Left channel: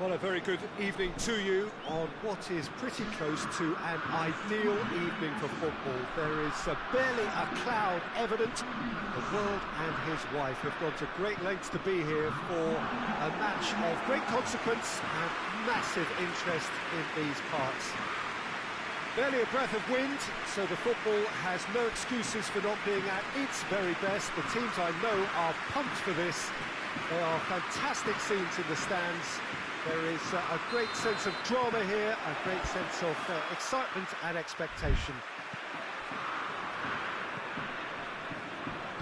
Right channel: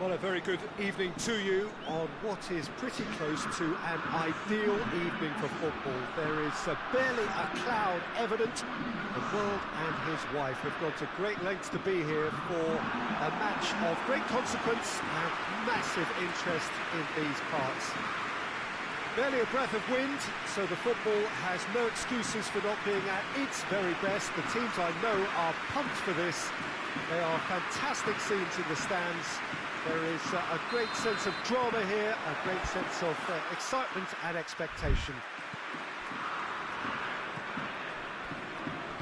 Well, a very good evening to you on what is pretty close to an ideal evening for football. There is barely a cloud evident. The world and his wife have gone to great lengths to be here for a match of great consequence and massive interest in these parts. Barely a breath of wind, so the football has no excuses for not being at its very best. The teams I know are pumped for this. There are fantastic scenes in the stands. There is a great sense of drama here, a great sense of excitement and expectation.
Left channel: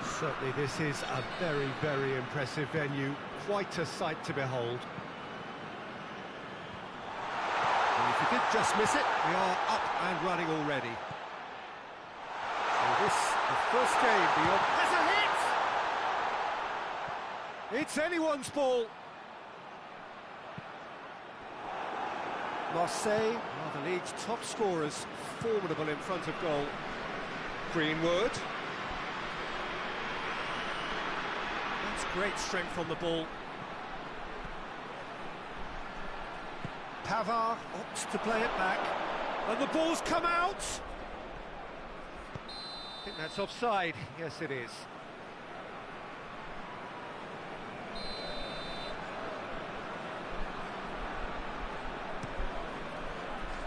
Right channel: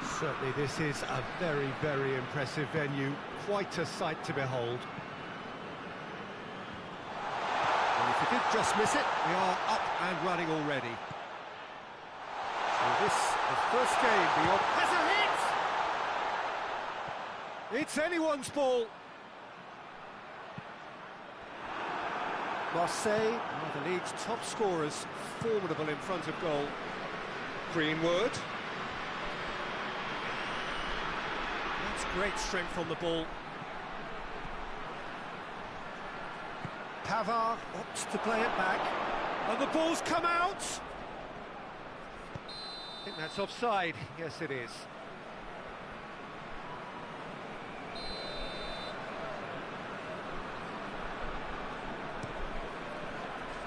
Certainly this is a very, very impressive venue, quite a sight to behold. And if you did just miss it, we are up and running already. So this, the first game beyond... Has a hit! It's anyone's ball. Marseille are the league's top scorers, formidable in front of goal. Greenwood. That's great strength on the ball. Pavard opts to play it back, and the ball's come out! I think that's offside. Yes, it is.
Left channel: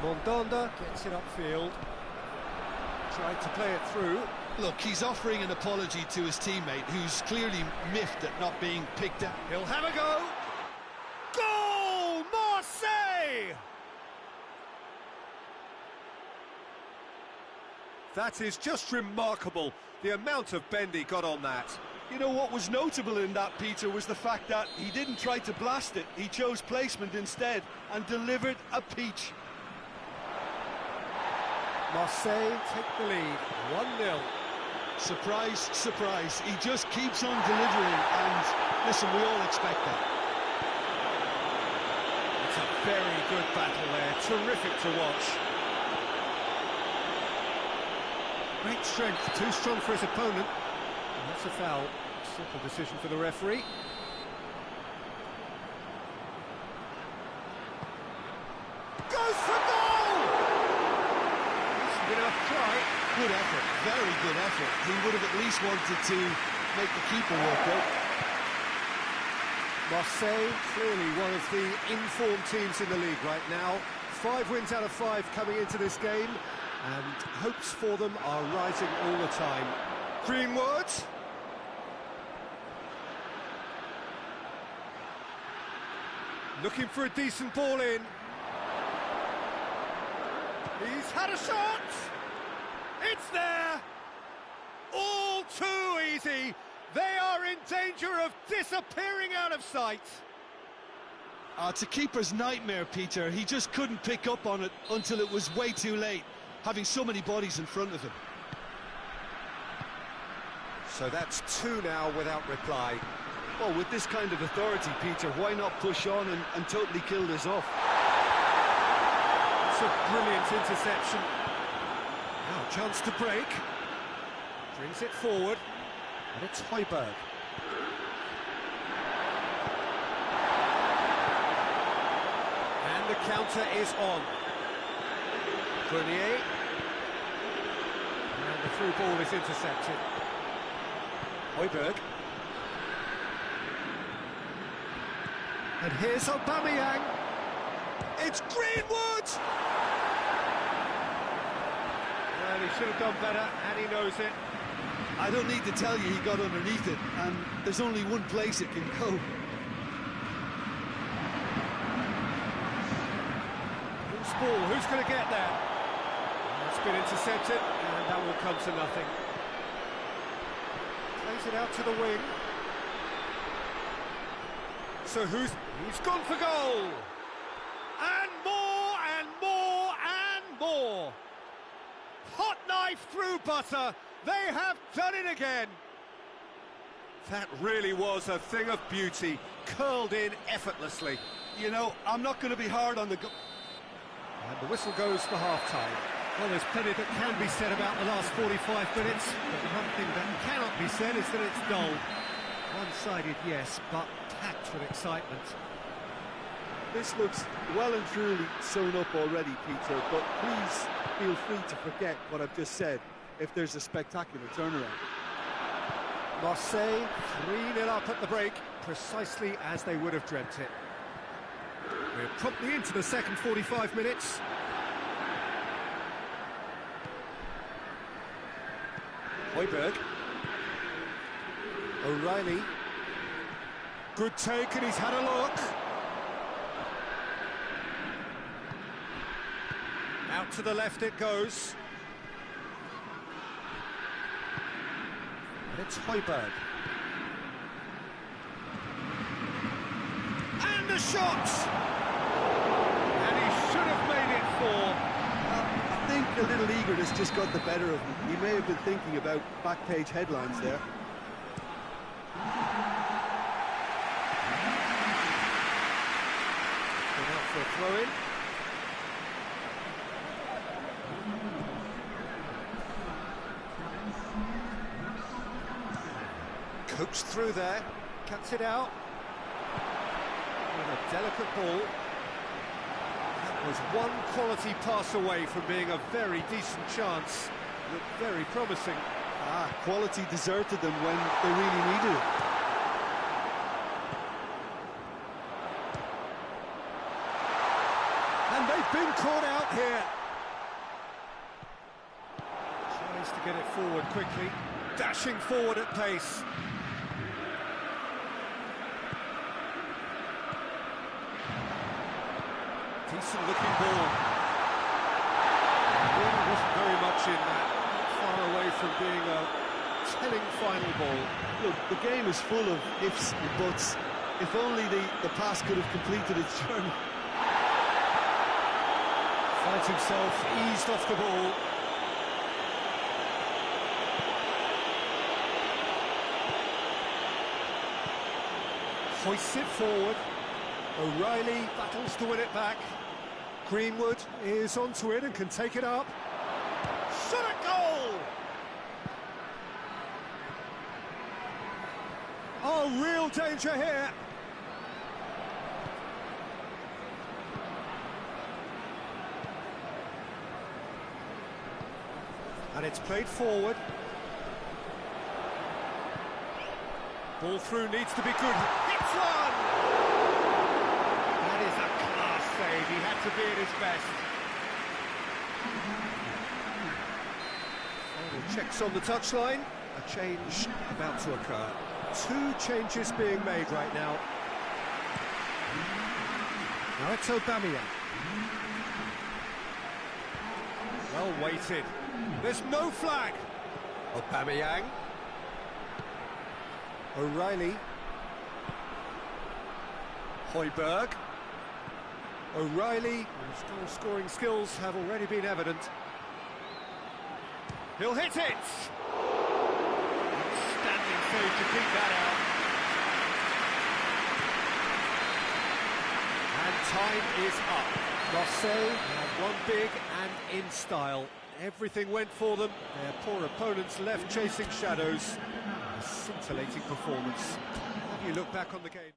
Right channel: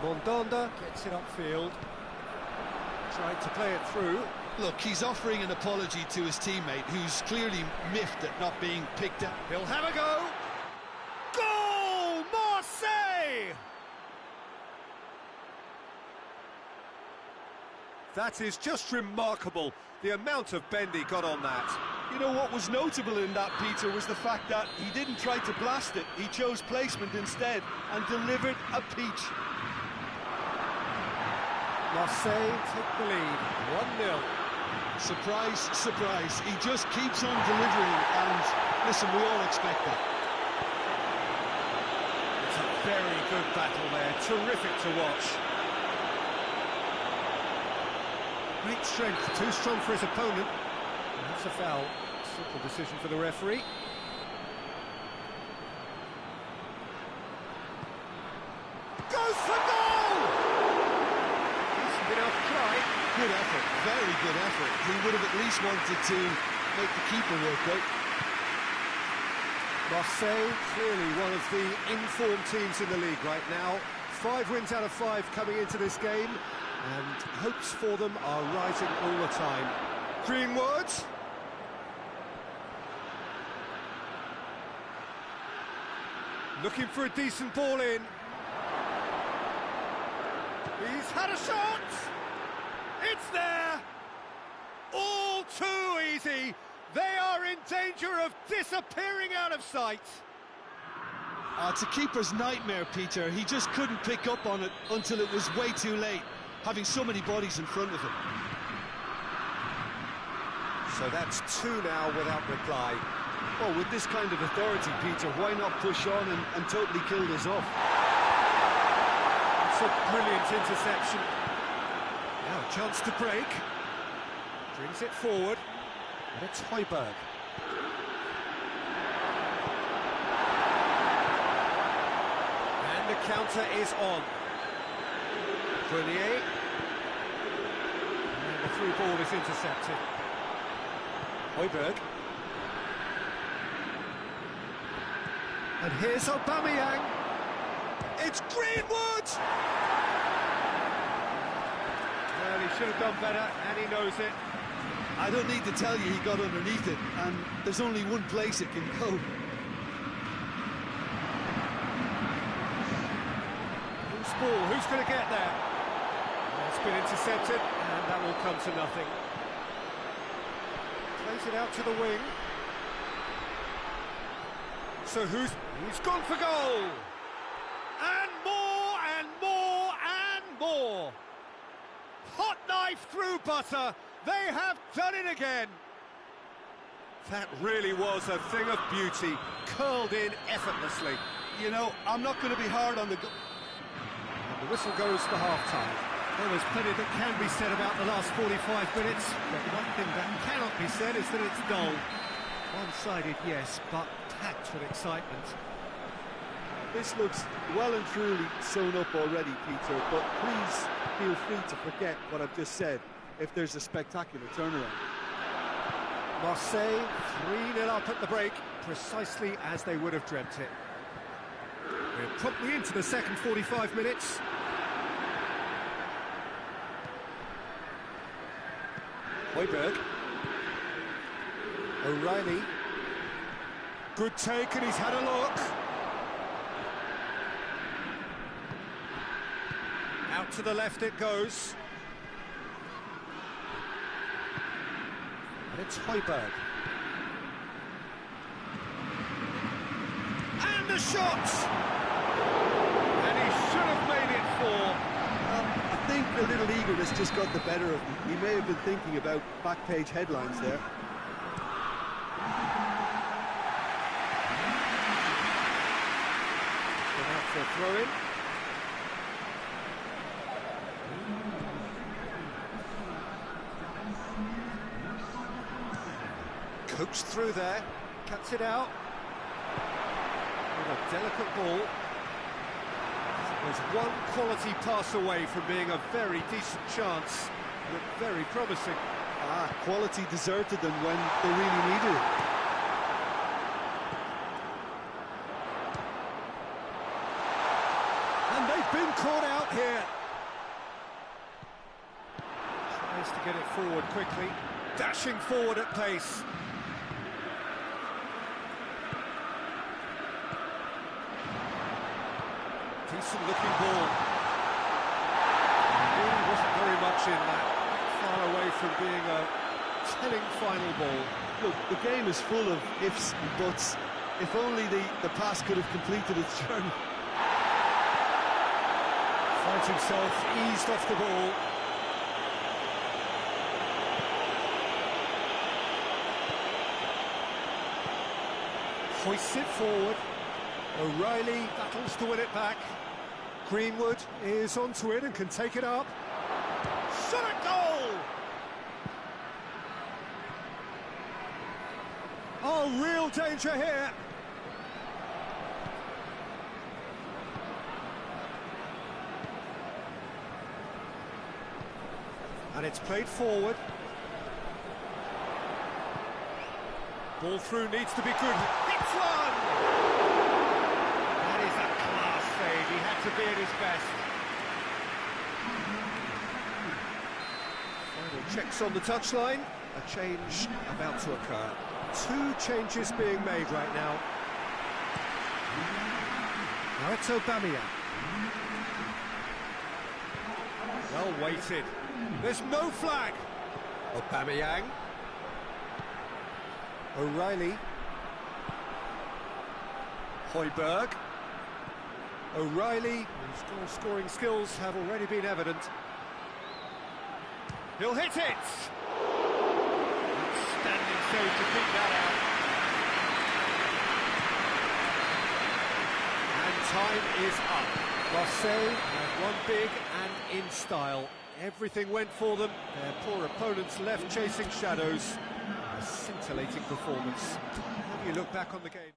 Mondonda gets it upfield, tried to play it through. Look, he's offering an apology to his teammate, who's clearly miffed at not being picked up. He'll have a go! Goal! Marseille! That is just remarkable, the amount of bend he got on that. You know what was notable in that, Peter, was the fact that he didn't try to blast it. He chose placement instead and delivered a peach. Marseille take the lead, 1-0. Surprise, surprise, he just keeps on delivering, and listen, we all expect that. It's a very good battle there, terrific to watch. Great strength, too strong for his opponent. And that's a foul, simple decision for the referee. Goes for goal! Enough try. Good effort, very good effort. He would have at least wanted to make the keeper work out. Marseille, clearly one of the informed teams in the league right now. 5 wins out of 5 coming into this game, and hopes for them are rising all the time. Greenwood. Looking for a decent ball in. He's had a shot! It's there! All too easy! They are in danger of disappearing out of sight! It's a keeper's nightmare, Peter. He just couldn't pick up on it until it was way too late, having so many bodies in front of him. So that's 2 now without reply. Well, with this kind of authority, Peter, why not push on and totally kill this off? It's a brilliant interception. Now a chance to break. Brings it forward. And it's Højbjerg. And the counter is on. Grenier. And the through ball is intercepted. Højbjerg. And here's Aubameyang. It's Greenwood! Well, he should have done better, and he knows it. I don't need to tell you he got underneath it, and there's only one place it can go. Who's ball? Who's going to get there? It's been intercepted, and that will come to nothing. Plays it out to the wing. So he's gone for goal! And more, and more, and more! Hot knife through butter, they have done it again! That really was a thing of beauty, curled in effortlessly. You know, I'm not going to be hard on the goal. And the whistle goes for half-time. Well, there's plenty that can be said about the last 45 minutes, but one thing that cannot be said is that it's dull. One-sided, yes, but packed with excitement. This looks well and truly sewn up already, Peter, but please feel free to forget what I've just said if there's a spectacular turnaround. Marseille 3-0 up at the break, precisely as they would have dreamt it. We're promptly into the second 45 minutes. Højbjerg. O'Reilly. Good take, and he's had a look. Out to the left it goes. And it's Højbjerg. And the shot! And he should have made it 4. I think a little eagerness just got the better of him. He may have been thinking about back-page headlines there. Been out for a throw-in. Coaxed through there, cuts it out. With a delicate ball. That was one quality pass away from being a very decent chance. Looked very promising. Quality deserted them when they really needed it. And they've been caught out here. Tries to get it forward quickly. Dashing forward at pace. Decent looking ball. Really wasn't very much in that. Far away from being a telling final ball. Look, the game is full of ifs and buts. If only the pass could have completed its journey. Finds himself eased off the ball. Hoists it forward. O'Reilly battles to win it back. Greenwood is onto it and can take it up. Shot at goal! Oh, real danger here. And it's played forward. Ball through needs to be good. Hits one! That is a class save. He had to be at his best. Final checks on the touchline. A change about to occur. 2 changes being made right now. Now it's Aubameyang. Well weighted. There's no flag. Aubameyang. O'Reilly. Højbjerg. O'Reilly, whose goal-scoring skills have already been evident. He'll hit it! Outstanding save to keep that out. And time is up. Marseille have won big and in style. Everything went for them. Their poor opponents left chasing shadows. A scintillating performance. How do you look back on the game?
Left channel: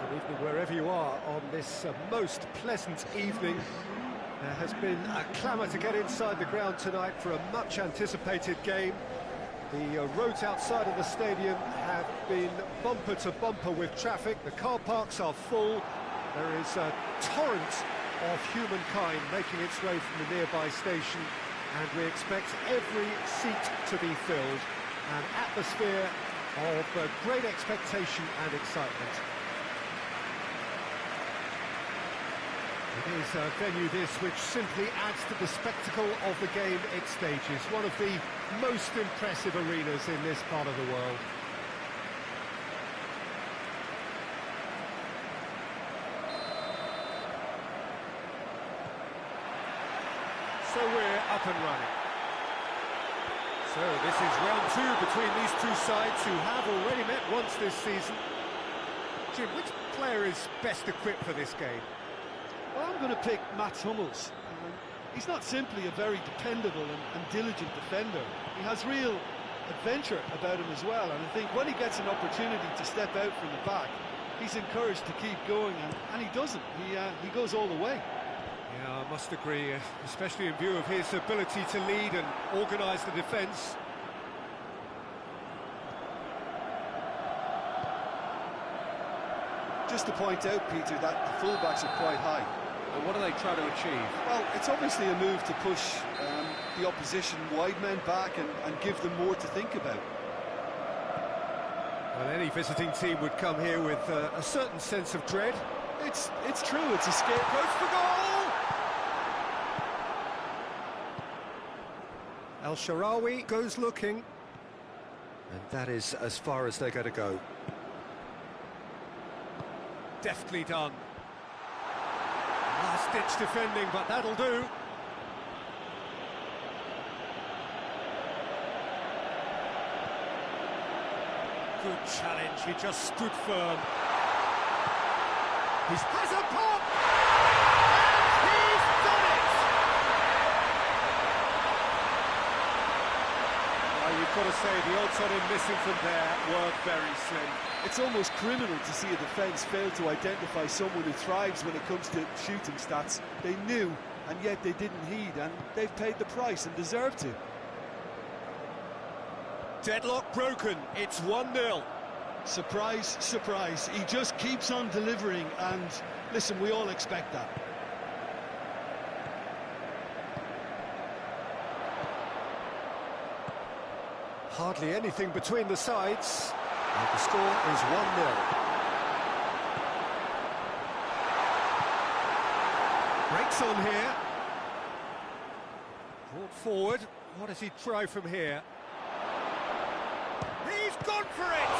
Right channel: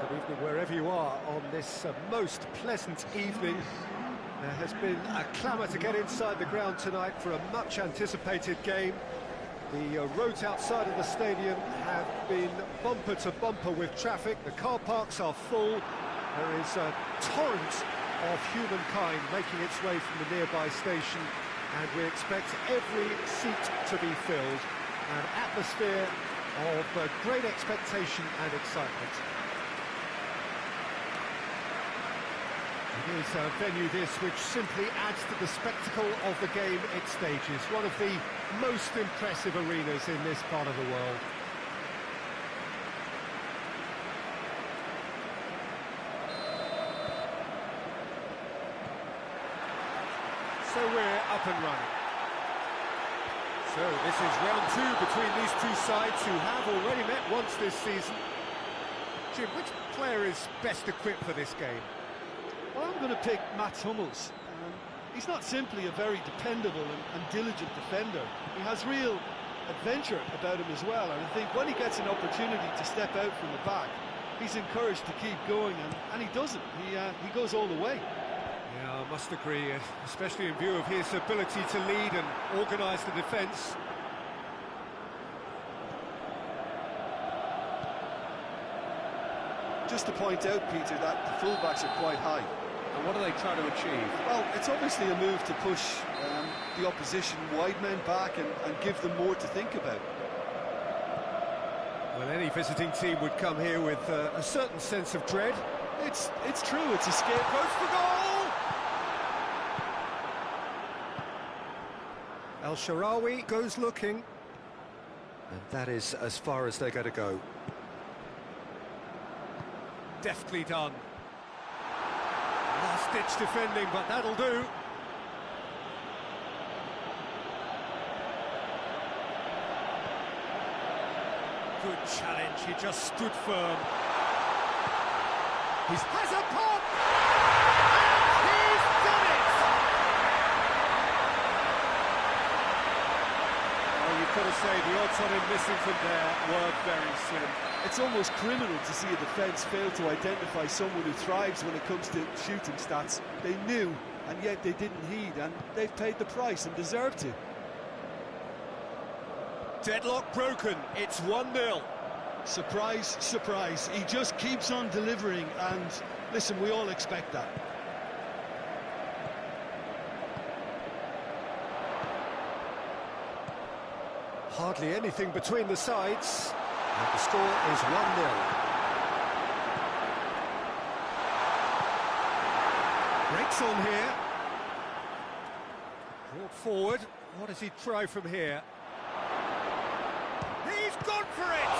Good evening wherever you are on this most pleasant evening. There has been a clamour to get inside the ground tonight for a much anticipated game. The roads outside of the stadium have been bumper to bumper with traffic. The car parks are full. There is a torrent of humankind making its way from the nearby station, and we expect every seat to be filled. An atmosphere of great expectation and excitement. It is a venue this which simply adds to the spectacle of the game it stages. One of the most impressive arenas in this part of the world. So we're up and running. So this is round two between these two sides who have already met once this season. Jim, which player is best equipped for this game? Well, I'm going to pick Mats Hummels. He's not simply a very dependable and diligent defender. He has real adventure about him as well, and I think when he gets an opportunity to step out from the back, he's encouraged to keep going, and he doesn't. He goes all the way. Yeah, I must agree, especially in view of his ability to lead and organise the defence. Just to point out, Peter, that the fullbacks are quite high. And what are they trying to achieve? Well, it's obviously a move to push the opposition wide men back and give them more to think about. Well, any visiting team would come here with a certain sense of dread. It's true, it's a scare. Goes for goal! El Shaarawy goes looking. And that is as far as they're going to go. Deftly done. Last-ditch defending, but that'll do. Good challenge, he just stood firm. He has a pop! And he's done it! Well, you've got to say, the odds on him missing from there were very slim. It's almost criminal to see a defence fail to identify someone who thrives when it comes to shooting stats. They knew, and yet they didn't heed, and they've paid the price and deserve to. Deadlock broken, it's 1-0. Surprise, surprise, he just keeps on delivering, and listen, we all expect that. Hardly anything between the sides. And the score is 1-0. Breaks on here. Brought forward. What does he try from here? He's gone for it!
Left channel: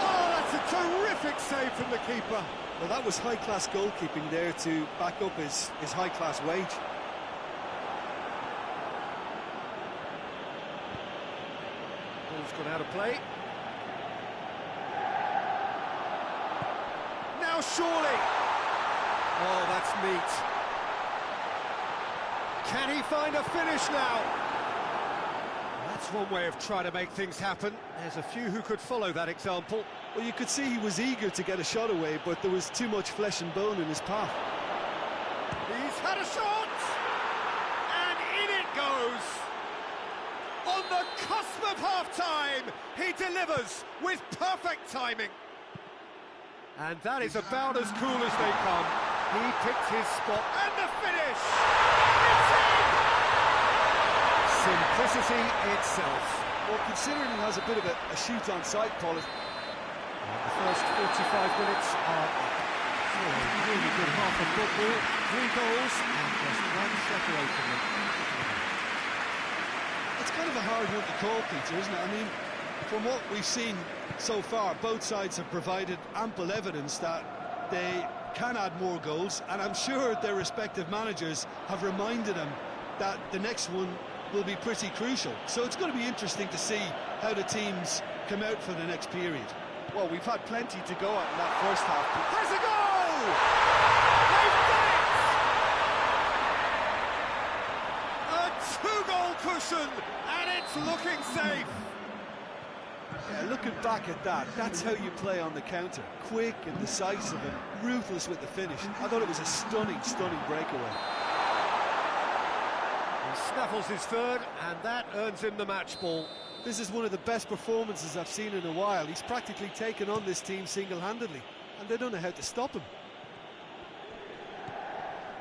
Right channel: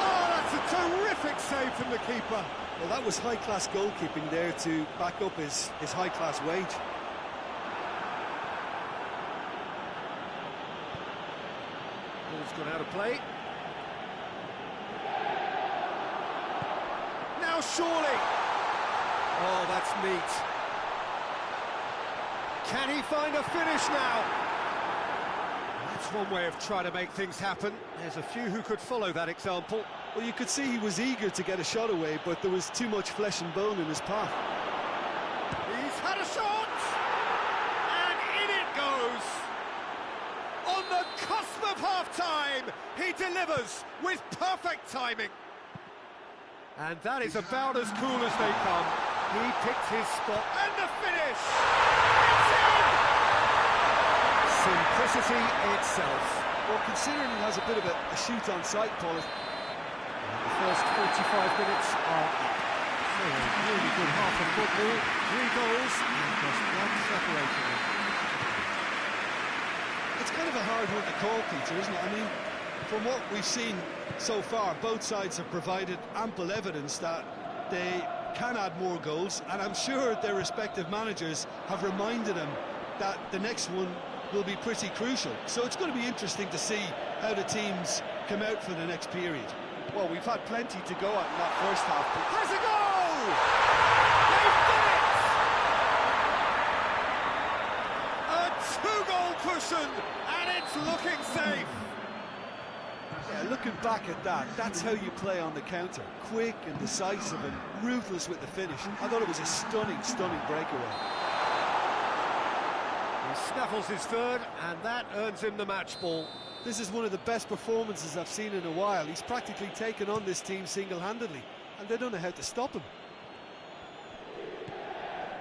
Oh, that's a terrific save from the keeper. Well, that was high-class goalkeeping there to back up his high-class wage. Ball's gone out of play. Now surely! Oh, that's neat. Can he find a finish now? That's one way of trying to make things happen. There's a few who could follow that example. Well, you could see he was eager to get a shot away, but there was too much flesh and bone in his path. He's had a shot! And in it goes! On the cusp of half-time, he delivers with perfect timing. And that is about as cool as they come. He picked his spot, and the finish! It's in! Simplicity itself. Well, considering he has a bit of a shoot on sight, Paul. And the first 45 minutes are up. So a really good half of football, 3 goals, and just one separating them. It's kind of a hard one to call, Peter, isn't it? I mean, from what we've seen so far, both sides have provided ample evidence that they can add more goals, and I'm sure their respective managers have reminded them that the next one will be pretty crucial. So it's going to be interesting to see how the teams come out for the next period. Well, we've had plenty to go at in that first half. Has a goal! They've done it! A 2-goal cushion, and it's looking safe. Yeah, looking back at that, that's how you play on the counter. Quick and decisive and ruthless with the finish. I thought it was a stunning breakaway. He snaffles his third, and that earns him the match ball. This is one of the best performances I've seen in a while. He's practically taken on this team single-handedly, and they don't know how to stop him.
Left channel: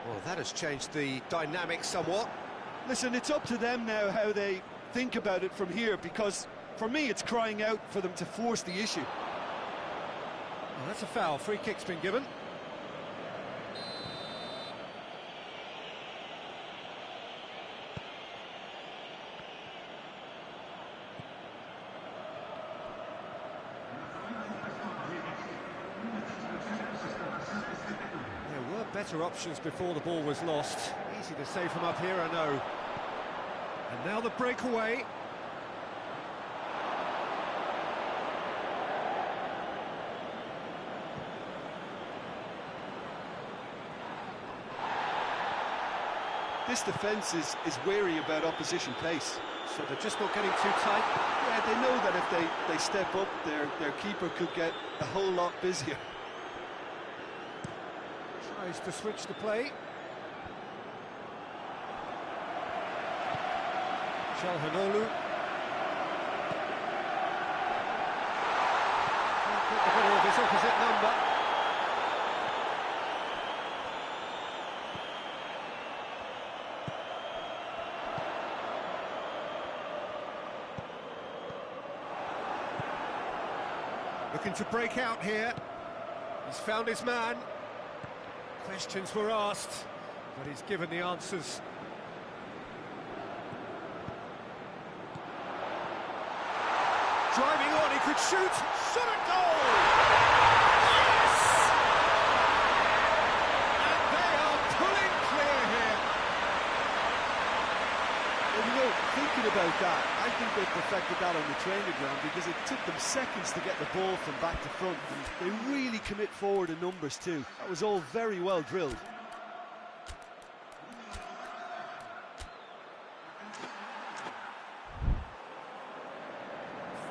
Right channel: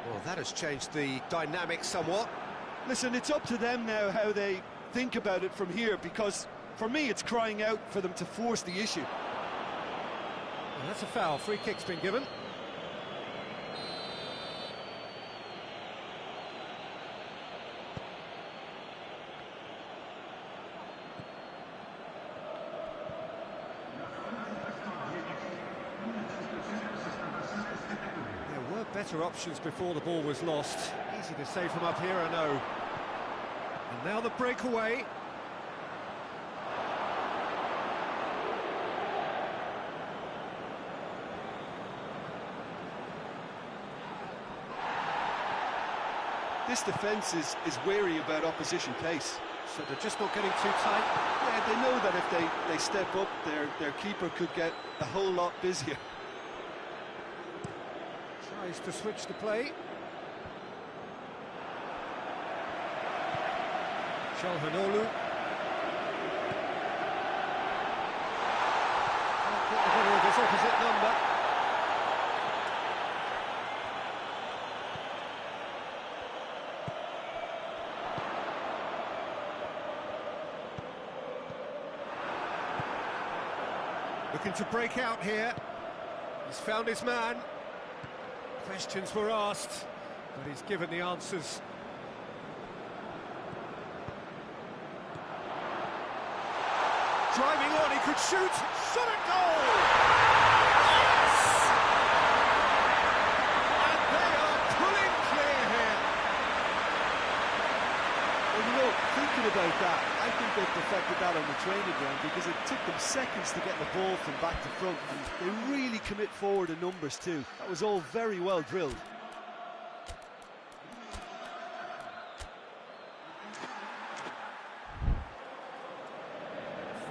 Well, that has changed the dynamic somewhat. Listen, it's up to them now how they think about it from here, because for me it's crying out for them to force the issue. Well, that's a foul. Free kick's been given. There were better options before the ball was lost. Easy to say from up here, I know. And now the breakaway. This defence is wary about opposition pace. So they're just not getting too tight. Yeah, they know that if they step up, their keeper could get a whole lot busier. Tries to switch the play. Shalhanolu. Can't get the better of his opposite number. Looking to break out here. He's found his man. Questions were asked, but he's given the answers. Driving on, he could shoot. Shot at goal! Yes! And they are pulling clear here. Well, you know, thinking about that, I think they perfected that on the training ground, because it took them seconds to get the ball from back to front, and they really commit forward in numbers too. That was all very well drilled.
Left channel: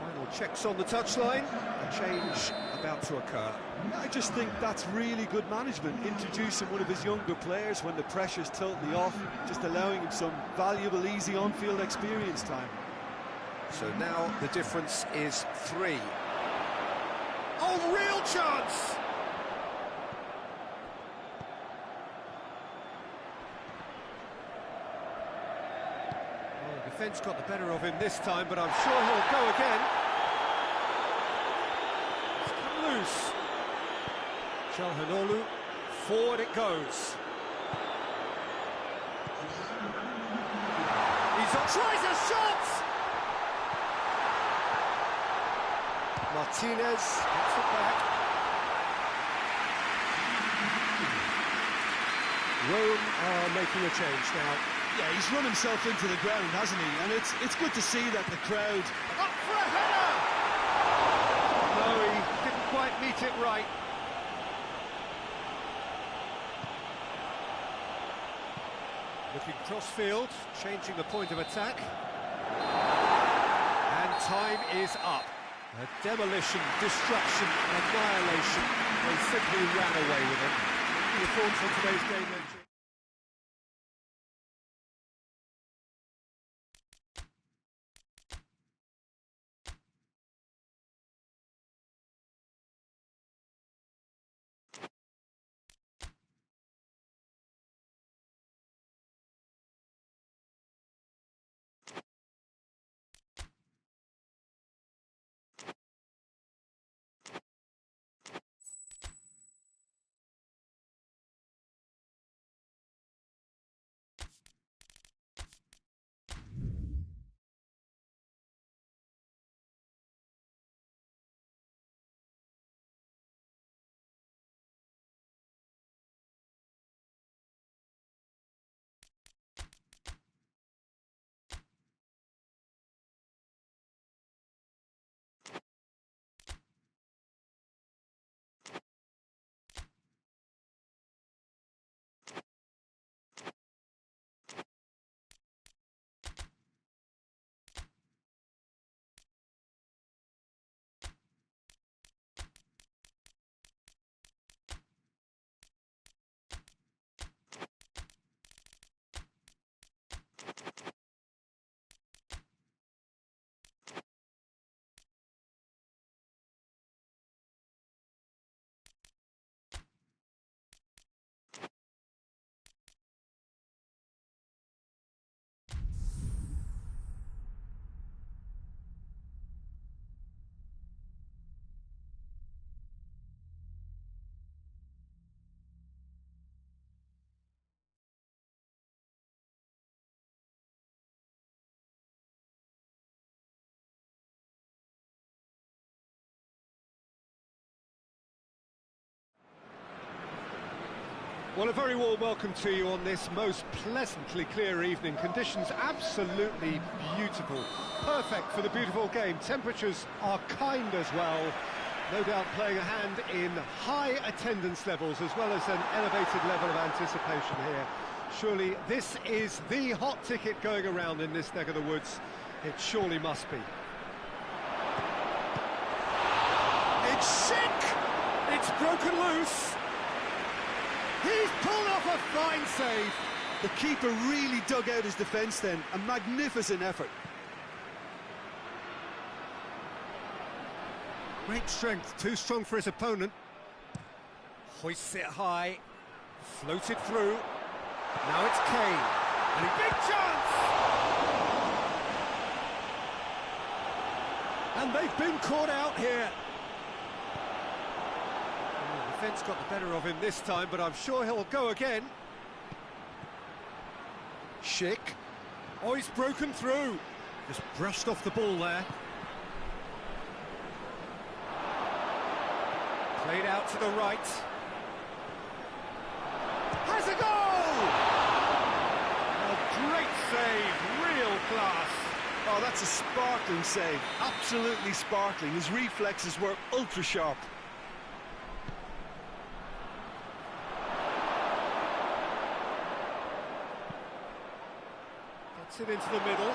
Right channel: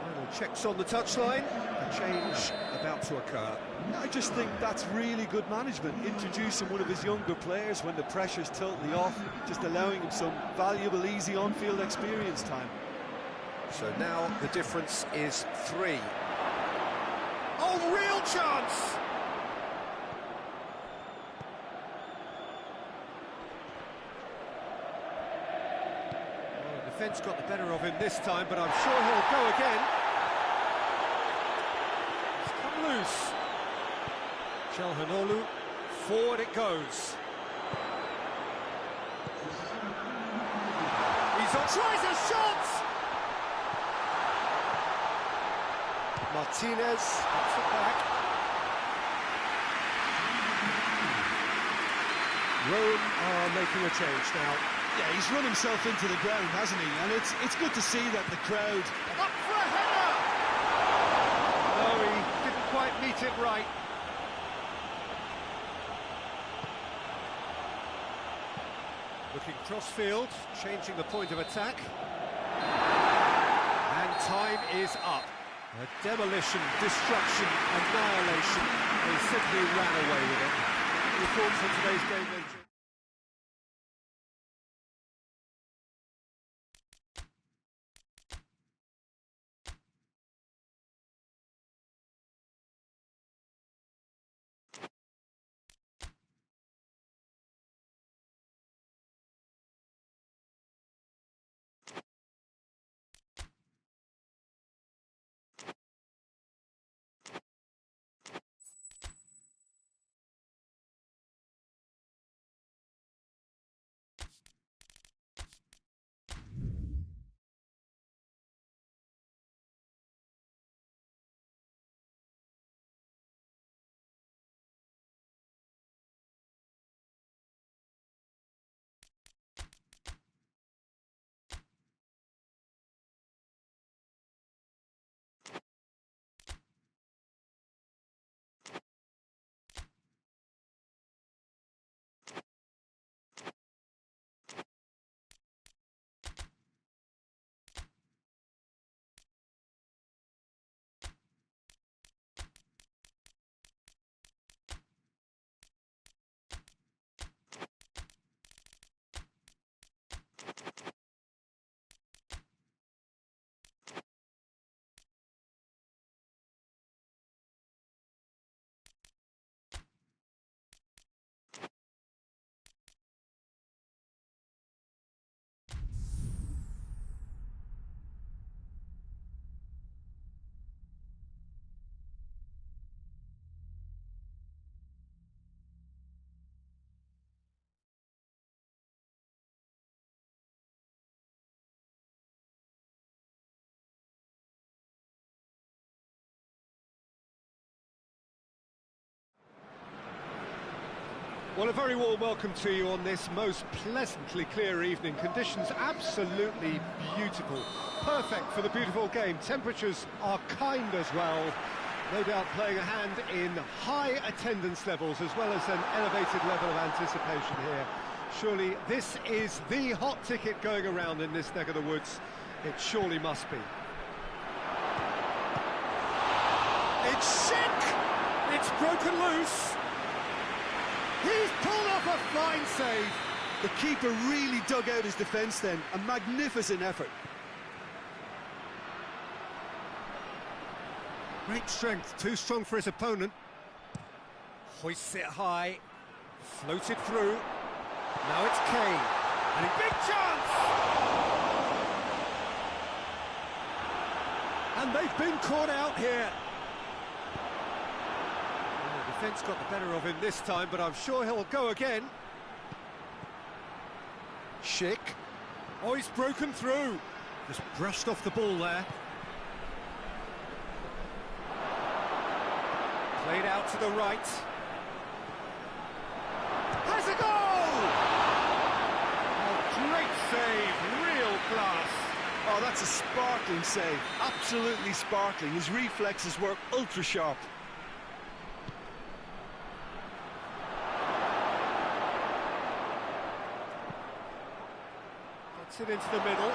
Final checks on the touchline. A change about to occur. I just think that's really good management, introducing one of his younger players when the pressure's totally off, just allowing him some valuable, easy on-field experience time. So now the difference is 3. Oh, real chance! Well, the defence got the better of him this time, but I'm sure he'll go again. It's come loose. Shalhanolu, forward it goes. He's on, tries a shot! Martinez gets it back. Rome are making a change now. Yeah, he's run himself into the ground, hasn't he? And it's good to see that the crowd... Up for a header! No, he didn't quite meet it right. Looking cross-field, changing the point of attack. And time is up. A demolition, destruction, annihilation. They simply ran away with it. What are your thoughts on today's game, then? Well, a very warm welcome to you on this most pleasantly clear evening. Conditions absolutely beautiful. Perfect for the beautiful game. Temperatures are kind as well. No doubt playing a hand in high attendance levels as well as an elevated level of anticipation here. Surely this is the hot ticket going around in this neck of the woods. It surely must be. It's sick! It's broken loose. He's pulled off a fine save. The keeper really dug out his defence then. A magnificent effort. Great strength, too strong for his opponent. Hoists it high, floated through. Now it's Kane, and a big chance! And they've been caught out here. Well, the defence got the better of him this time, but I'm sure he'll go again. Schick. Oh, he's broken through. Just brushed off the ball there. Played out to the right. Has a goal! Oh, great save, real class. Oh, that's a sparkling save. Absolutely sparkling. His reflexes were ultra sharp. Gets it into the middle.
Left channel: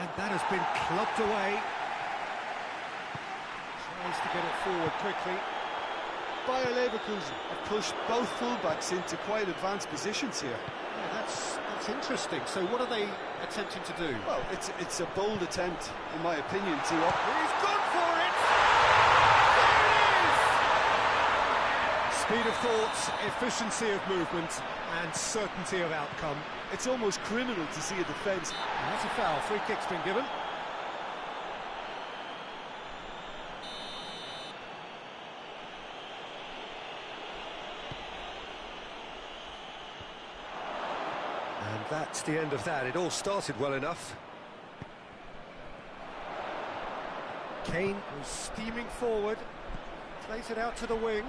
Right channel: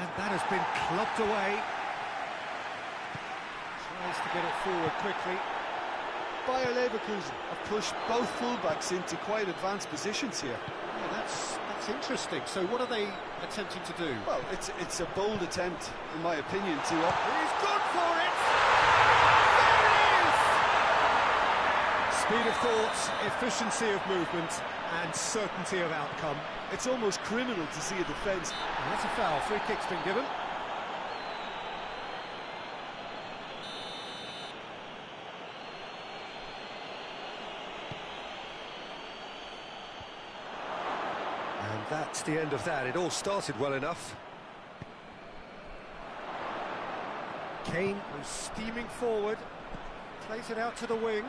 And that has been clubbed away. Tries to get it forward quickly. Bayer Leverkusen have pushed both fullbacks into quite advanced positions here. Yeah, that's interesting. So what are they attempting to do? Well, it's a bold attempt, in my opinion, to... He's gone for it! There it is! Speed of thought, efficiency of movement, and certainty of outcome. It's almost criminal to see a defence. And that's a foul. Free kick's been given. And that's the end of that. It all started well enough. Kane was steaming forward, plays it out to the wing.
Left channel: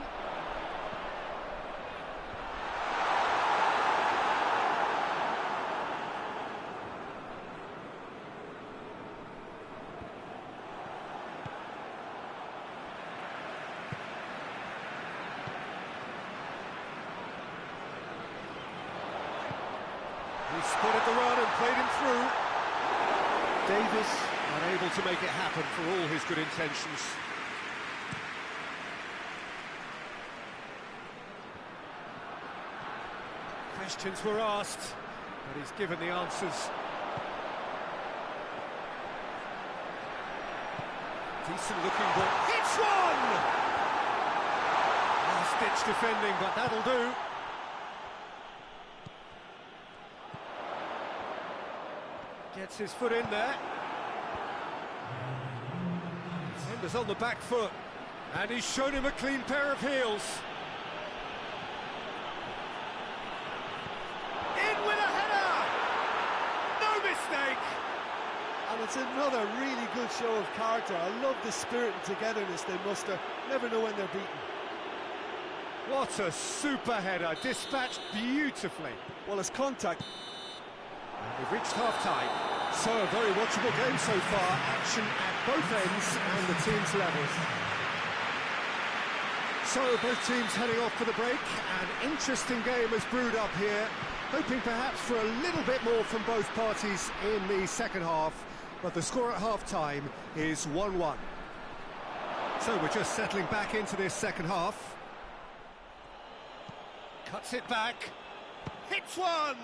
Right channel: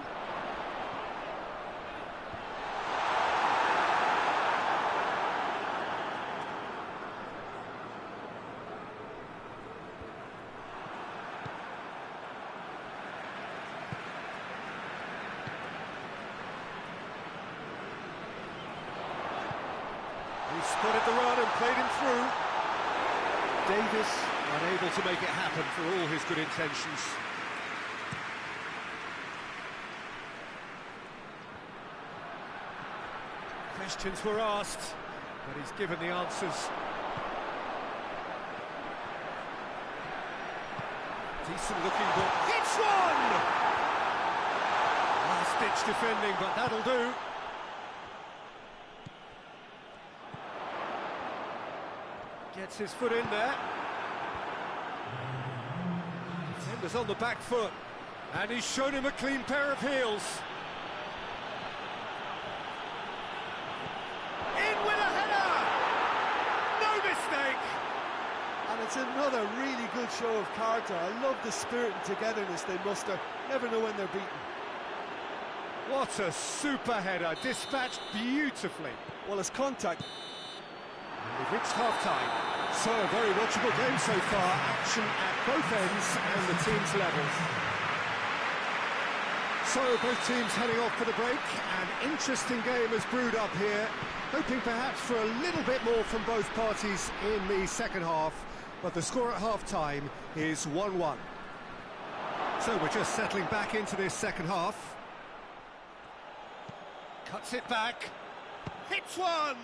He spotted the run and played him through. Davis unable to make it happen for all his good intentions. Questions were asked, but he's given the answers. Decent looking ball. Hits one! Last-ditch defending, but that'll do. Gets his foot in there. Defender's on the back foot. And he's shown him a clean pair of heels. In with a header! No mistake! And it's another really good show of character. I love the spirit and togetherness they muster. Never know when they're beaten. What a super header, dispatched beautifully. Well, it's contact. And we've reached half-time. So, a very watchable game so far. Action at both ends and the teams level. So, both teams heading off for the break. An interesting game has brewed up here. Hoping perhaps for a little bit more from both parties in the second half. But the score at half-time is 1-1. So, we're just settling back into this second half. Cuts it back. Hits one!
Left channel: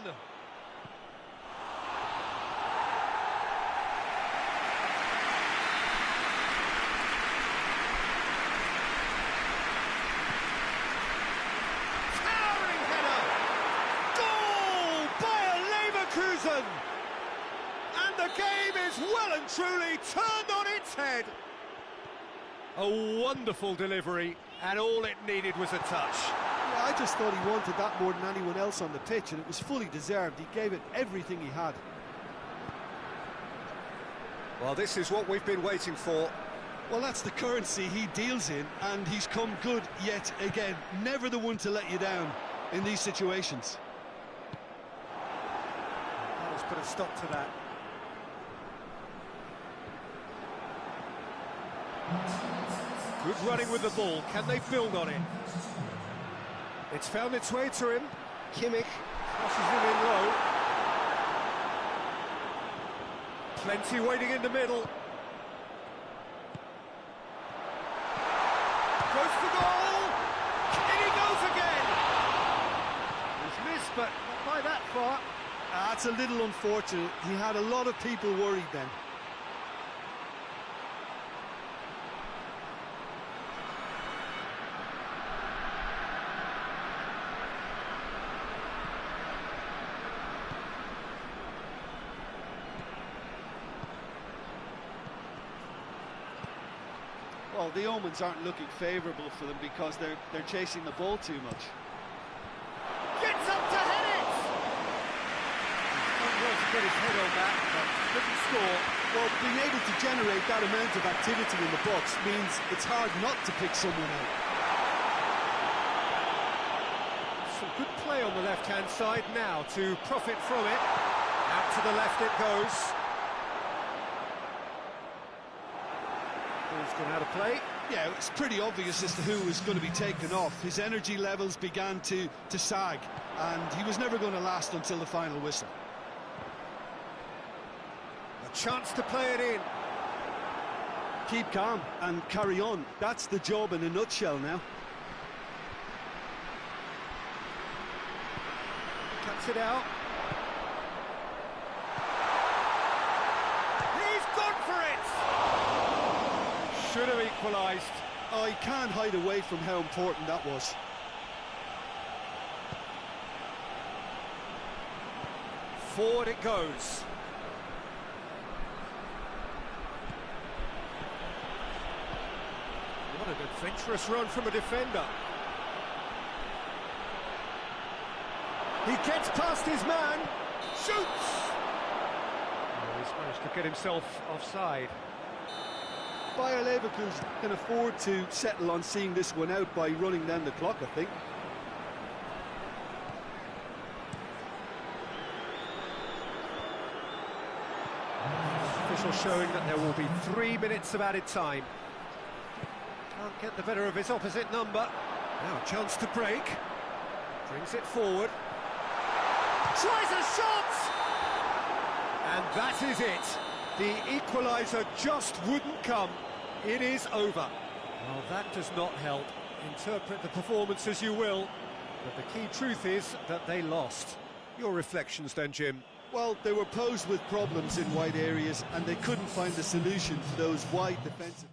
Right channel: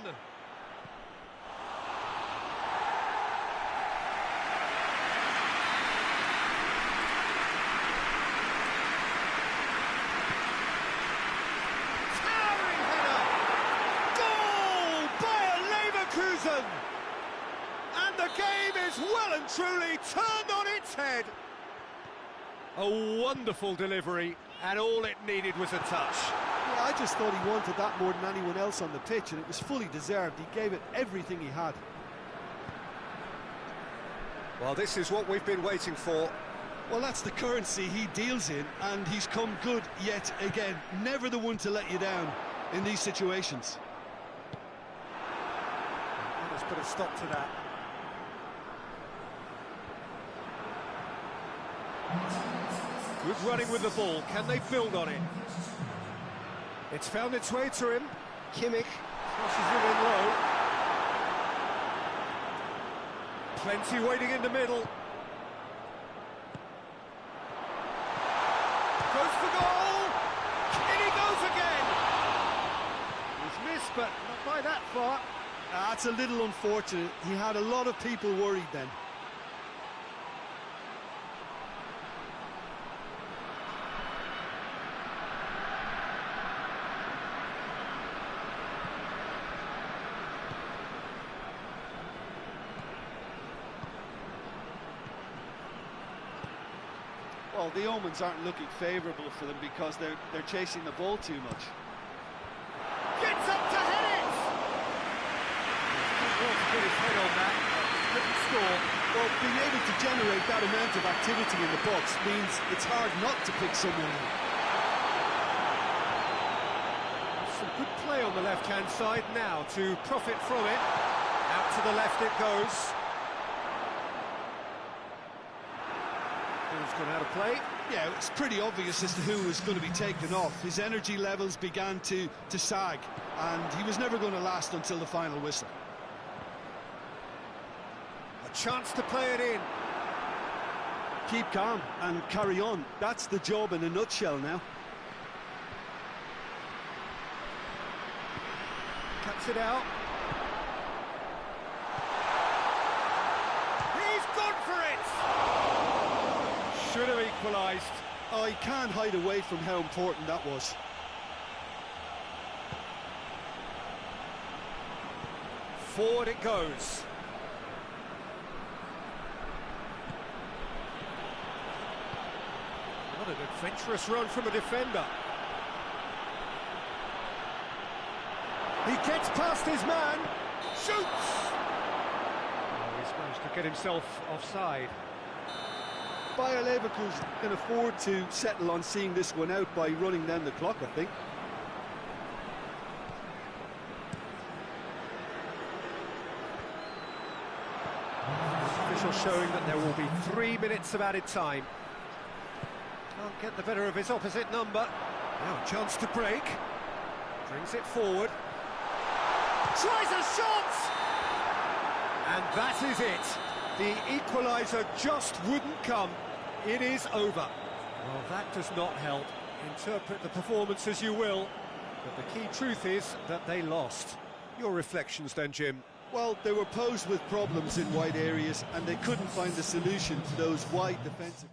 And the game is well and truly turned on its head. A wonderful delivery, and all it needed was a touch. Yeah, I just thought he wanted that more than anyone else on the pitch, and it was fully deserved. He gave it everything he had. Well, this is what we've been waiting for. Well, that's the currency he deals in, and he's come good yet again. Never the one to let you down in these situations. That has put a stop to that. Good running with the ball. Can they build on it? It's found its way to him. Kimmich crosses it in low. Plenty waiting in the middle. Goes for goal! In he goes again! He's missed, but not by that far. That's a little unfortunate. He had a lot of people worried then. Well, the omens aren't looking favourable for them because they're chasing the ball too much. Gets up to head it! He's done well to get his head on that, but couldn't score. Well, being able to generate that amount of activity in the box means it's hard not to pick someone out. Some good play on the left-hand side now to profit from it. Out to the left it goes. Ball's gone out of play. Yeah, it's pretty obvious as to who was going to be taken off. His energy levels began to sag, and he was never going to last until the final whistle. A chance to play it in. Keep calm and carry on. That's the job in a nutshell now. Cuts it out. He's gone for it! Should have equalised. Oh, he can't hide away from how important that was. Forward it goes. What an adventurous run from a defender. He gets past his man. Shoots! Oh, he's managed to get himself offside. Bayer Leverkusen can afford to settle on seeing this one out by running down the clock, I think. Official showing that there will be 3 minutes of added time. Can't get the better of his opposite number. Now a chance to break. Brings it forward. Tries a shot! And that is it. The equaliser just wouldn't come. It is over. Well, that does not help. Interpret the performance as you will, but the key truth is that they lost. Your reflections then, Jim? Well, they were posed with problems in wide areas, and they couldn't find the solution to those wide defensive...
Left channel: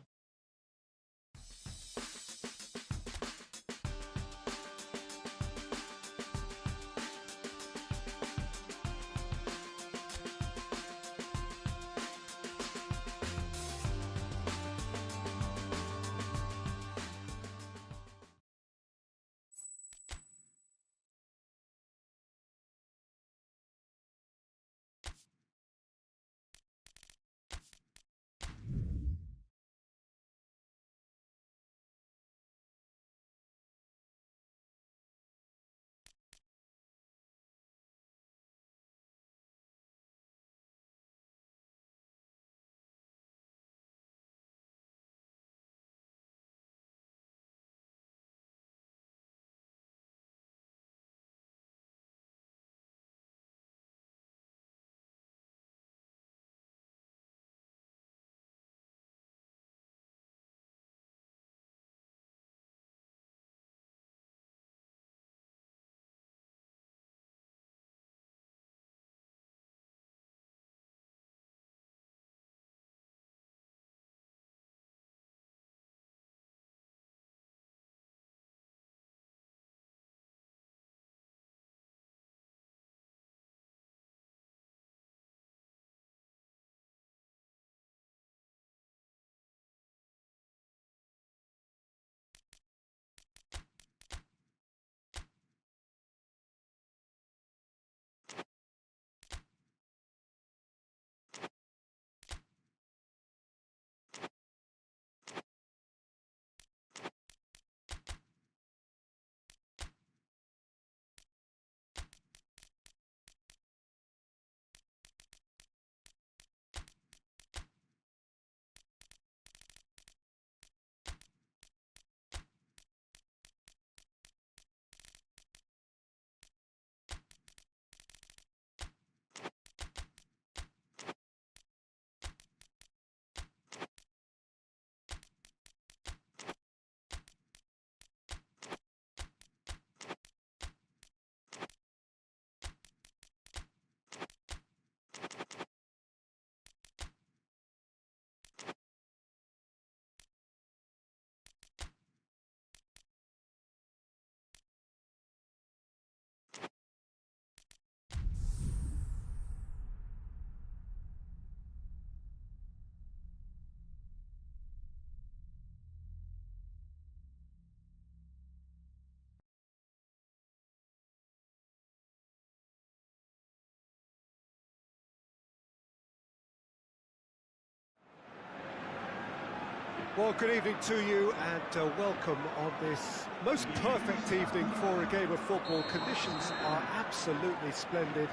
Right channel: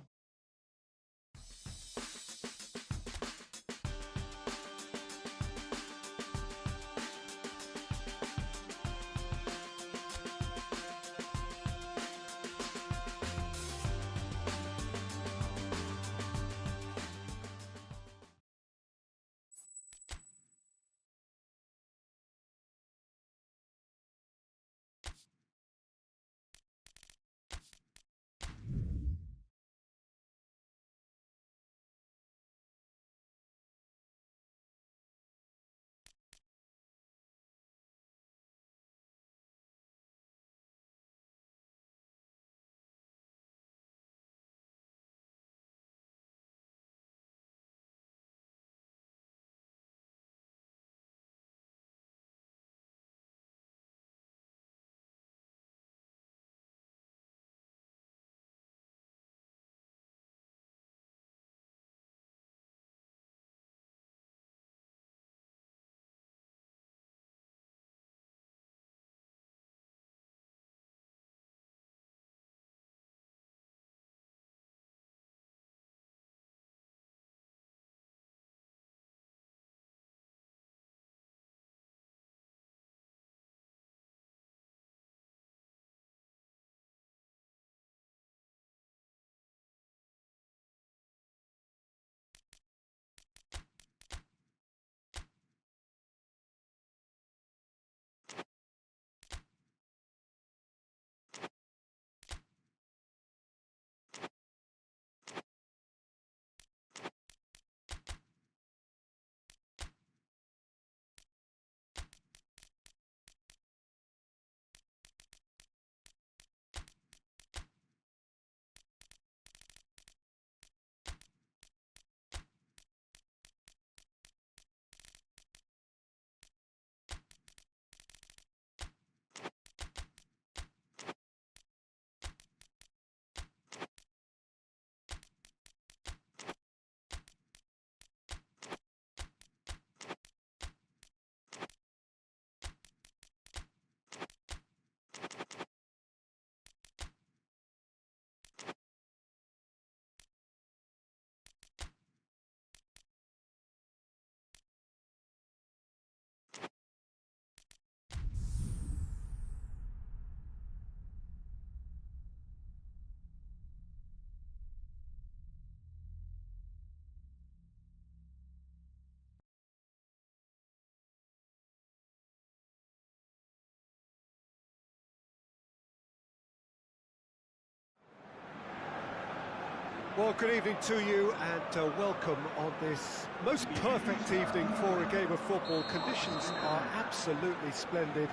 Well, good evening to you and welcome on this most perfect evening for a game of football. Conditions are absolutely splendid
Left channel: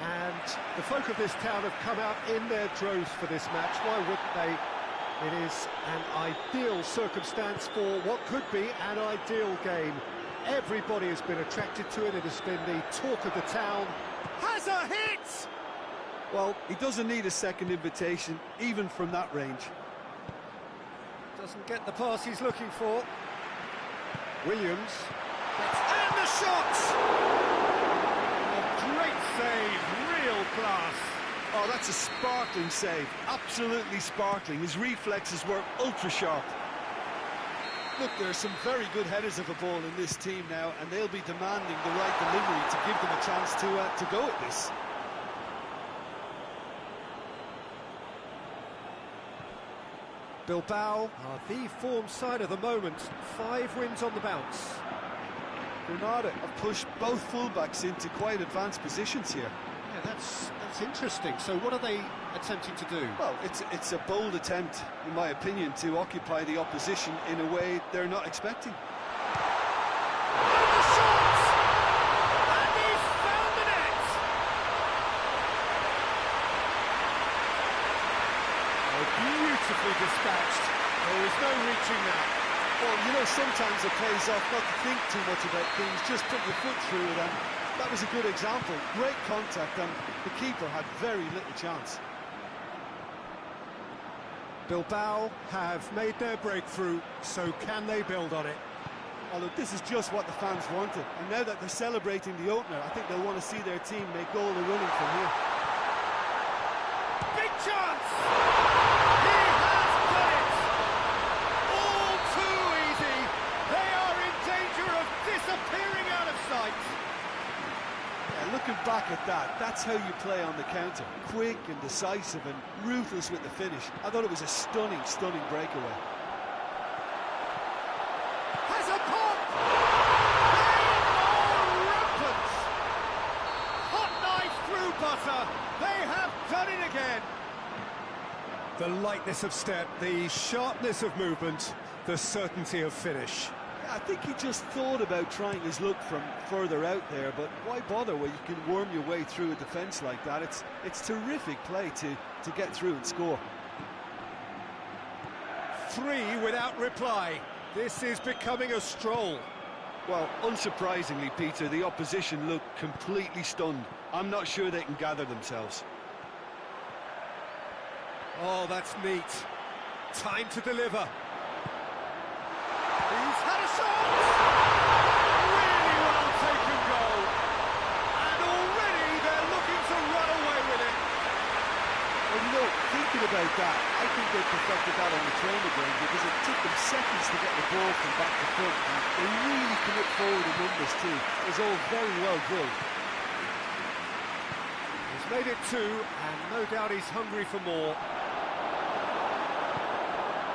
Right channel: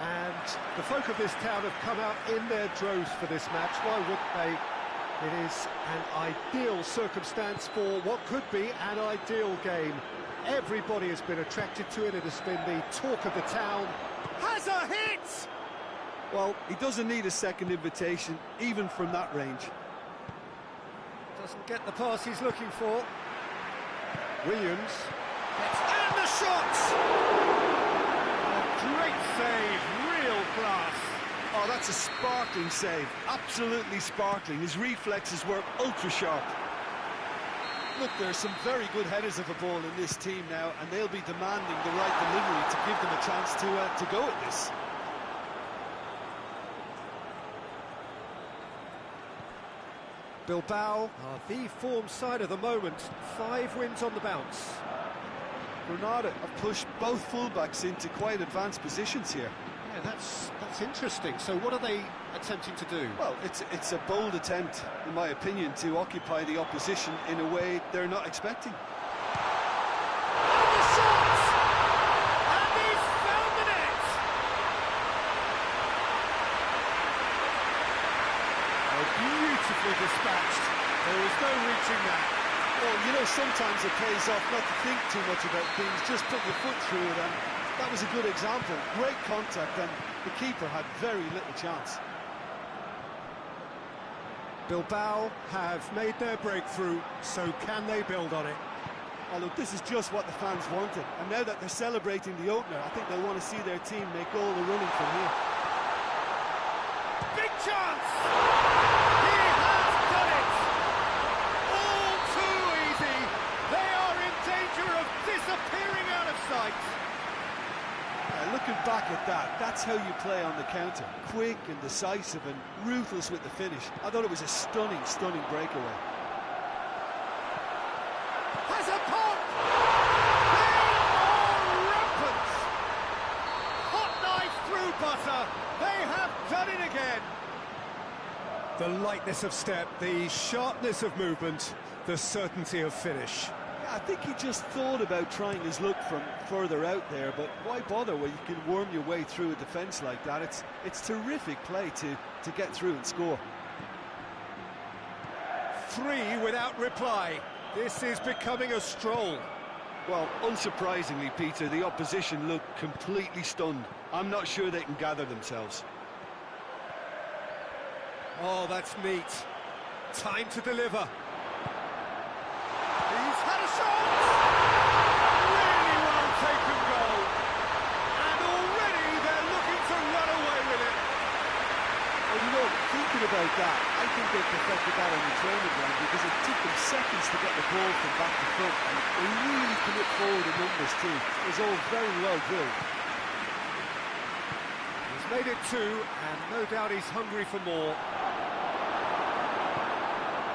and the folk of this town have come out in their droves for this match. Why wouldn't they? It is an ideal circumstance for what could be an ideal game. Everybody has been attracted to it. It has been the talk of the town. Has a hit! Well, he doesn't need a second invitation, even from that range. Doesn't get the pass he's looking for. Williams and the shot! A great save, real class. Oh, that's a sparkling save, absolutely sparkling. His reflexes work ultra sharp. Look, there are some very good headers of a ball in this team now, and they'll be demanding the right delivery to give them a chance to go at this. Bilbao are the form side of the moment. 5 wins on the bounce. Granada have pushed both fullbacks into quite advanced positions here. Yeah, that's interesting. So what are they attempting to do? Well, it's a bold attempt, in my opinion, to occupy the opposition in a way they're not expecting. And the shot! And he's found the net! Oh, beautifully dispatched. There was no reaching that. Well, you know, sometimes it pays off not to think too much about things, just put your foot through it, and that was a good example. Great contact, and the keeper had very little chance. Bilbao have made their breakthrough, so can they build on it? Oh, look, this is just what the fans wanted, and now that they're celebrating the opener, I think they'll want to see their team make all the running from here. Big chance! He has done it! All too easy! They are in danger of disappearing out of sight! Yeah, looking back at that, that's how you play on the counter. Quick and decisive and ruthless with the finish. I thought it was a stunning, stunning breakaway. Has a pop! They are rampant! Hot knife through butter! They have done it again! The lightness of step, the sharpness of movement, the certainty of finish. I think he just thought about trying his luck from further out there, but why bother when you can worm your way through a defence like that? It's terrific play to get through and score. 3 without reply. This is becoming a stroll. Well, unsurprisingly, Peter, the opposition look completely stunned. I'm not sure they can gather themselves. Oh, that's neat. Time to deliver. He's had a shot! Really well taken goal. And already they're looking to run away with it. Well, you know, thinking about that, I think they perfected that on the training ground because it took them seconds to get the ball from back to front, and they really commit forward in numbers too. It was all very well drilled. He's made it 2, and no doubt he's hungry for more.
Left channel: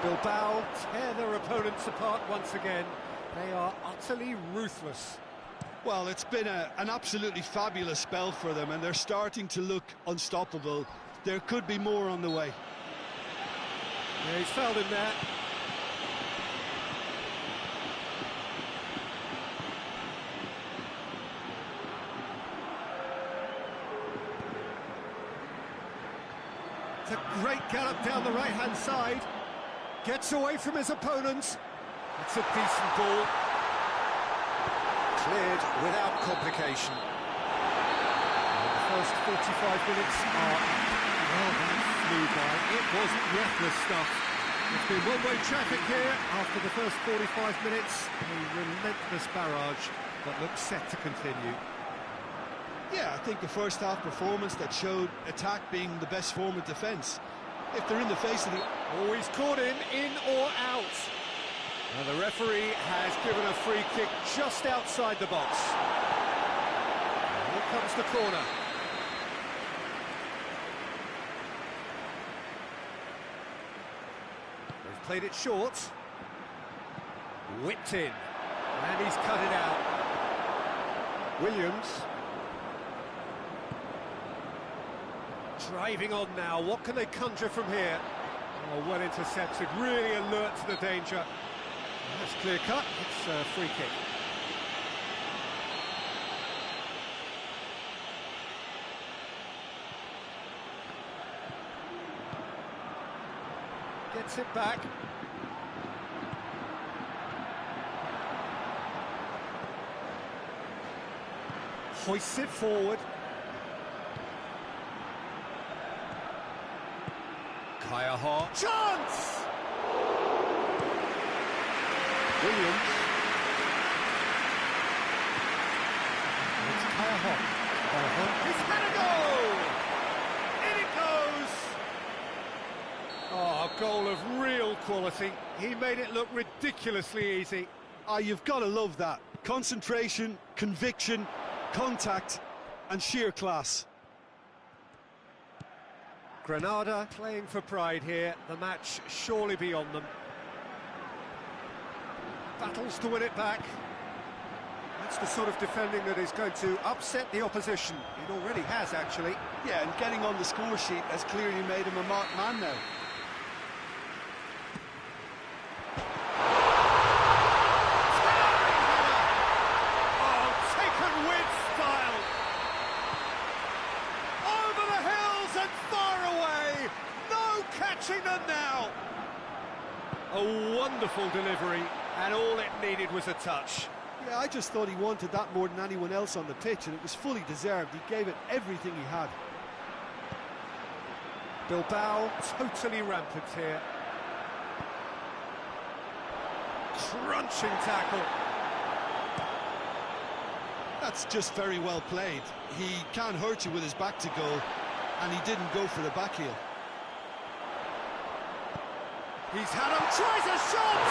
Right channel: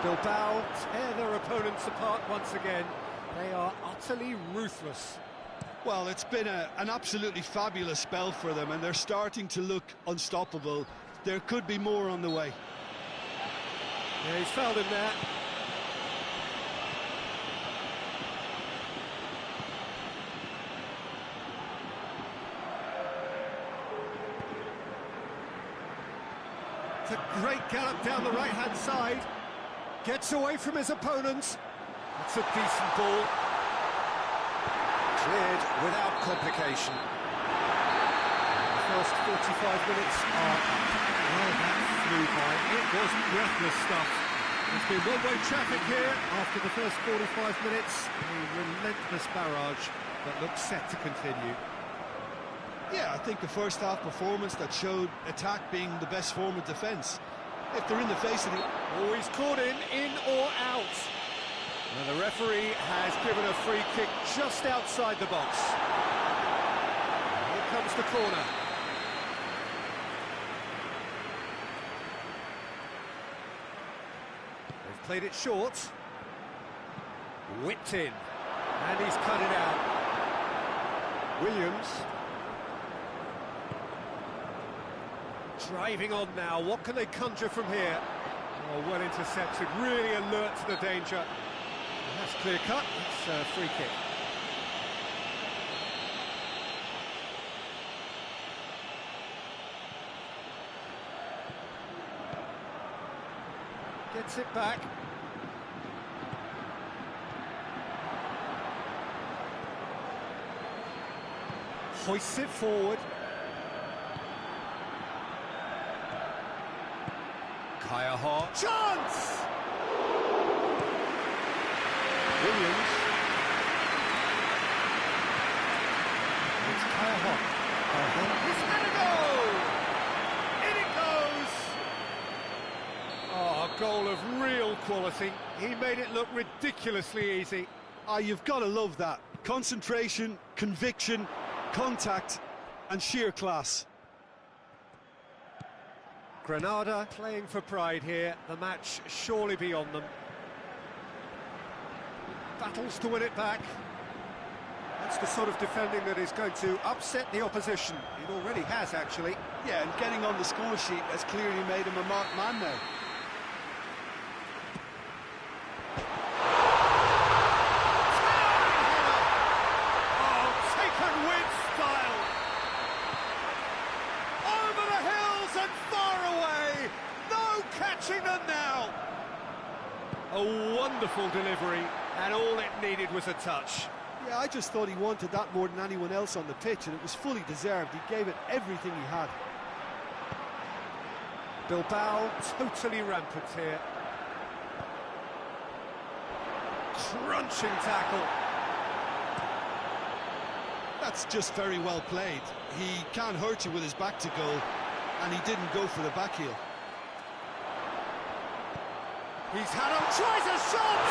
Bilbao tear their opponents apart once again. They are utterly ruthless. Well, it's been an absolutely fabulous spell for them, and they're starting to look unstoppable. There could be more on the way. Yeah, he's fouled him there. It's a great gallop down the right-hand side. Gets away from his opponents. That's a decent ball. Cleared without complication. And the first 45 minutes are up. Well, that flew by. It was breathless stuff. It's been one-way traffic here after the first 45 minutes. A relentless barrage that looks set to continue. Yeah, I think a first-half performance that showed attack being the best form of defence. If they're in the face of the... Oh, he's caught him, in or out. And the referee has given a free kick just outside the box. Here comes the corner. They've played it short. Whipped in. And he's cut it out. Williams. Driving on now. What can they conjure from here? Oh, well intercepted, really alert to the danger. And that's clear cut, it's a free kick. Gets it back. Hoists it forward. Kaya Hart. Chance! Williams. And it's Kaya Hart. Kaya Hart. He's had a go! In it goes! Oh, a goal of real quality. He made it look ridiculously easy. Ah, you've got to love that. Concentration, conviction, contact and sheer class. Granada playing for pride here, the match surely beyond them. Battles to win it back. That's the sort of defending that is going to upset the opposition. It already has, actually. Yeah, and getting on the score sheet has clearly made him a marked man now. Style. Over the hills and far away. No catching them now. A wonderful delivery, and all it needed was a touch. Yeah, I just thought he wanted that more than anyone else on the pitch, and it was fully deserved. He gave it everything he had. Bilbao totally rampant here. Crunching tackle. That's just very well played. He can't hurt you with his back to goal, and he didn't go for the back heel. He's had him, tries a shot!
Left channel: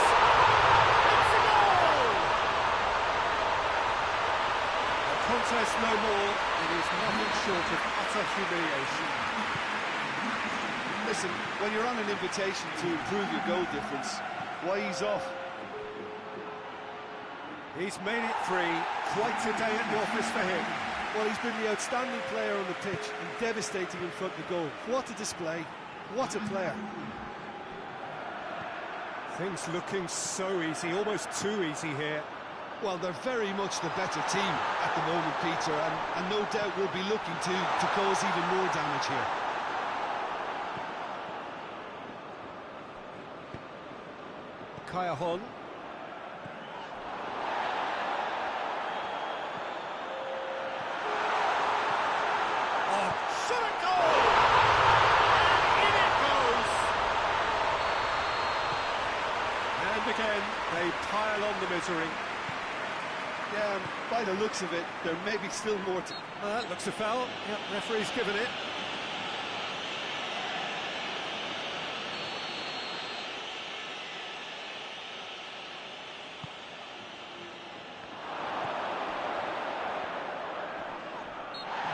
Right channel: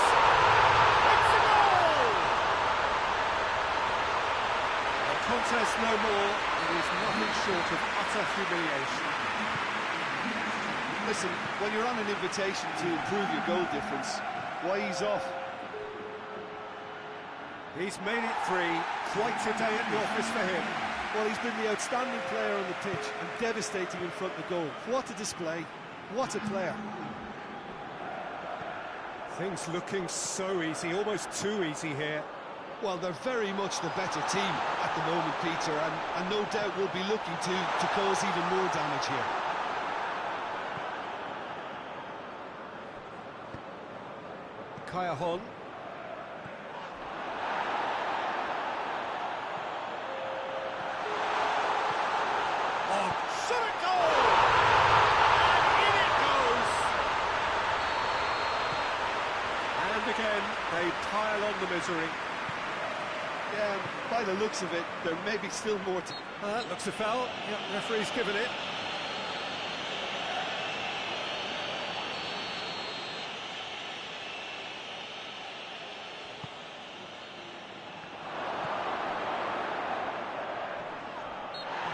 It's a goal! A contest no more. It is nothing short of utter humiliation. Listen, when you're on an invitation to improve your goal difference, why ease off? He's made it 3, quite a day at the office for him. Well, he's been the outstanding player on the pitch and devastating in front of the goal. What a display, what a player. Things looking so easy, almost too easy here. Well, they're very much the better team at the moment, Peter, and no doubt will be looking to cause even more damage here. Kaya Hon. Oh, should it go? And in it goes. And again, they pile on the misery. Yeah, by the looks of it, there may be still more to... That looks a foul. Yep, referee's given it.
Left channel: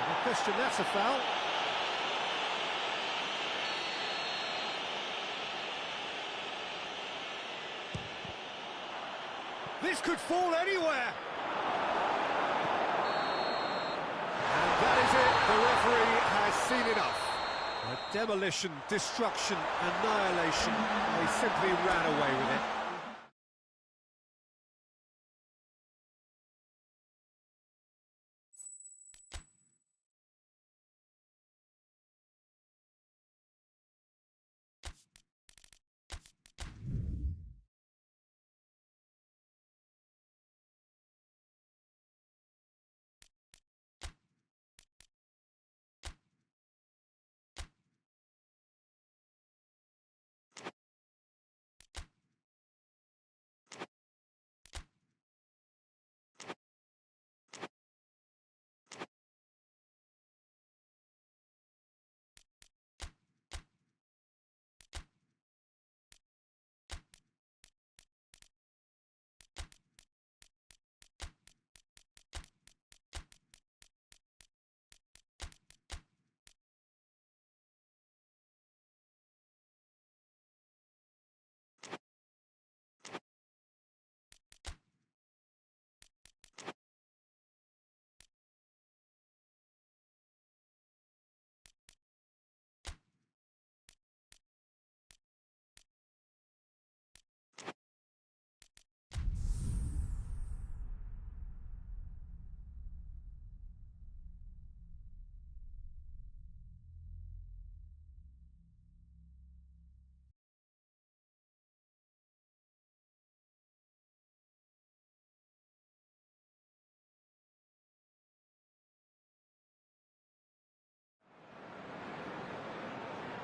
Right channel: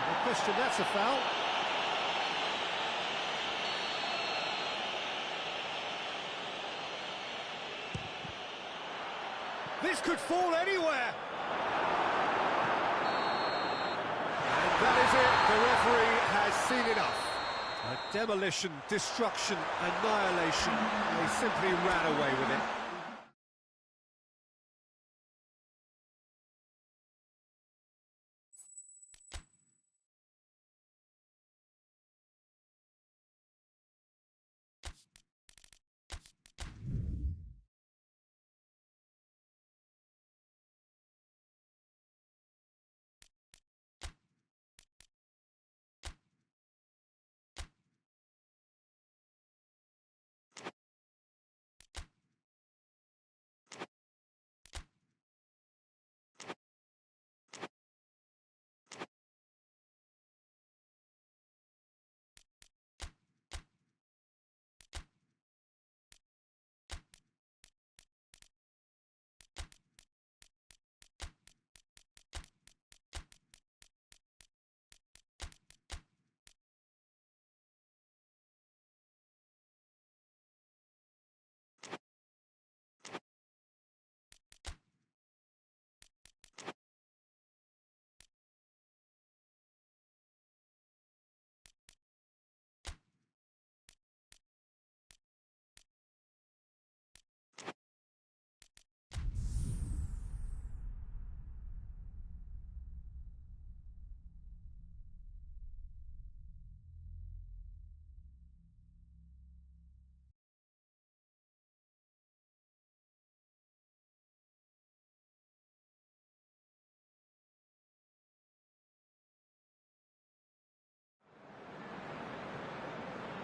No question, that's a foul. This could fall anywhere. And that is it. The referee has seen enough. A demolition, destruction, annihilation. They simply ran away with it.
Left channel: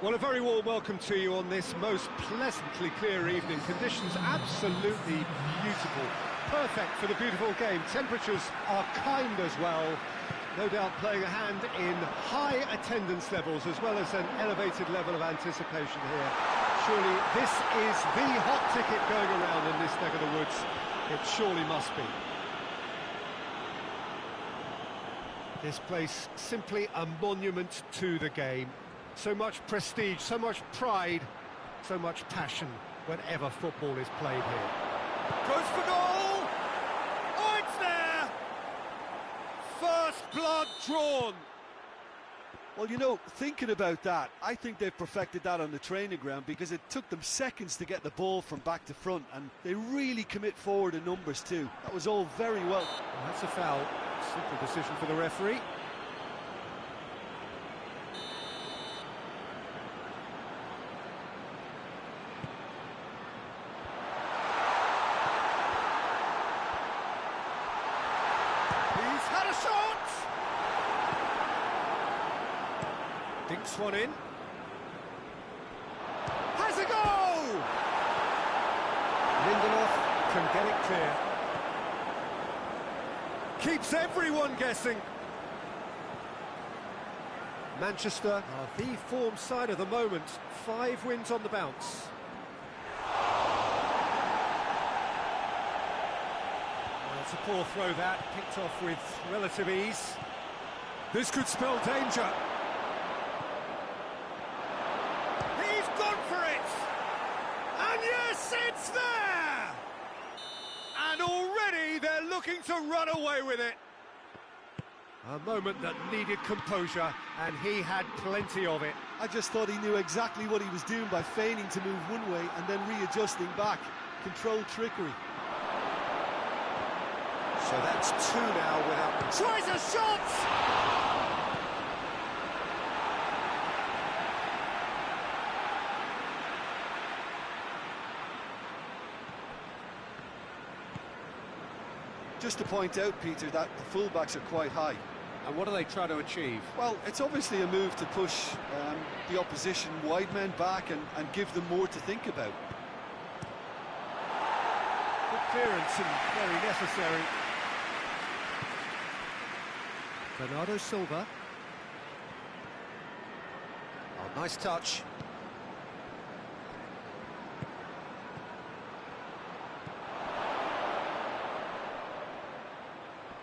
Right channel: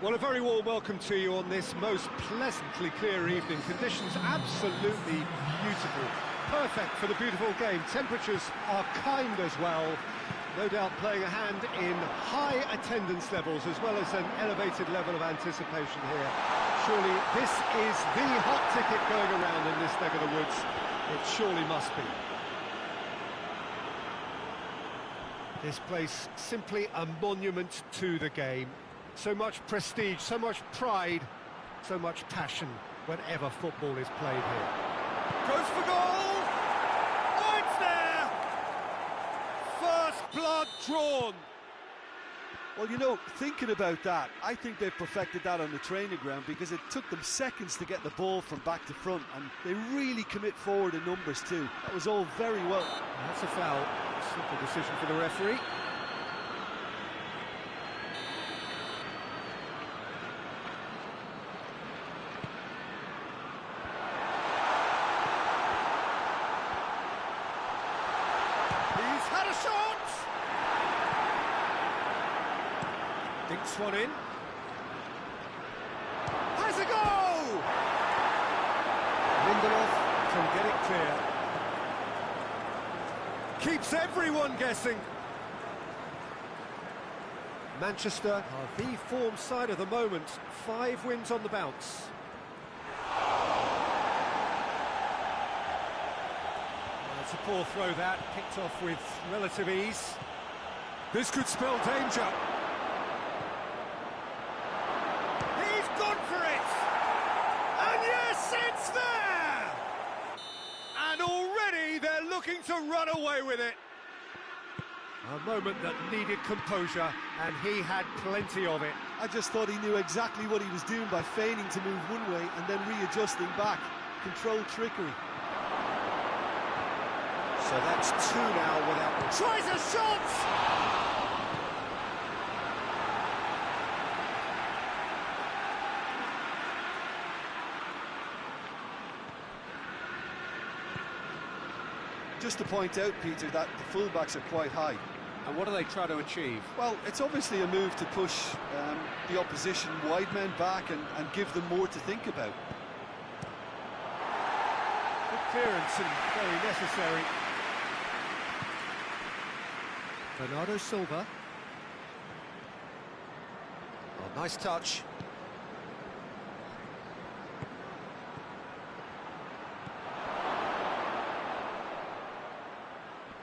Well, a very warm welcome to you on this most pleasantly clear evening. Conditions absolutely beautiful. Perfect for the beautiful game. Temperatures are kind as well. No doubt playing a hand in high attendance levels as well as an elevated level of anticipation here. Surely this is the hot ticket going around in this neck of the woods. It surely must be. This place simply a monument to the game. So much prestige, so much pride, so much passion whenever football is played here. Goes for goal! Oh, it's there! First blood drawn. Well, you know, thinking about that, I think they've perfected that on the training ground because it took them seconds to get the ball from back to front, and they really commit forward in numbers too. That was all very well. That's a foul. Simple decision for the referee. He's had a shot! Dinks one in. Has a go! Lindelof can get it clear. Keeps everyone guessing. Manchester are the form side of the moment. 5 wins on the bounce. Well, it's a poor throw that, picked off with relative ease. This could spell danger. He's gone for it! And yes, it's there! And already they're looking to run away with it. A moment that needed composure, and he had plenty of it. I just thought he knew exactly what he was doing by feigning to move one way and then readjusting back. Controlled trickery. So that's 2 now without... Tries a shot! Just to point out, Peter, that the fullbacks are quite high. And what do they try to achieve? Well, it's obviously a move to push the opposition wide men back and give them more to think about. Good clearance and very necessary. Bernardo Silva. Oh, nice touch.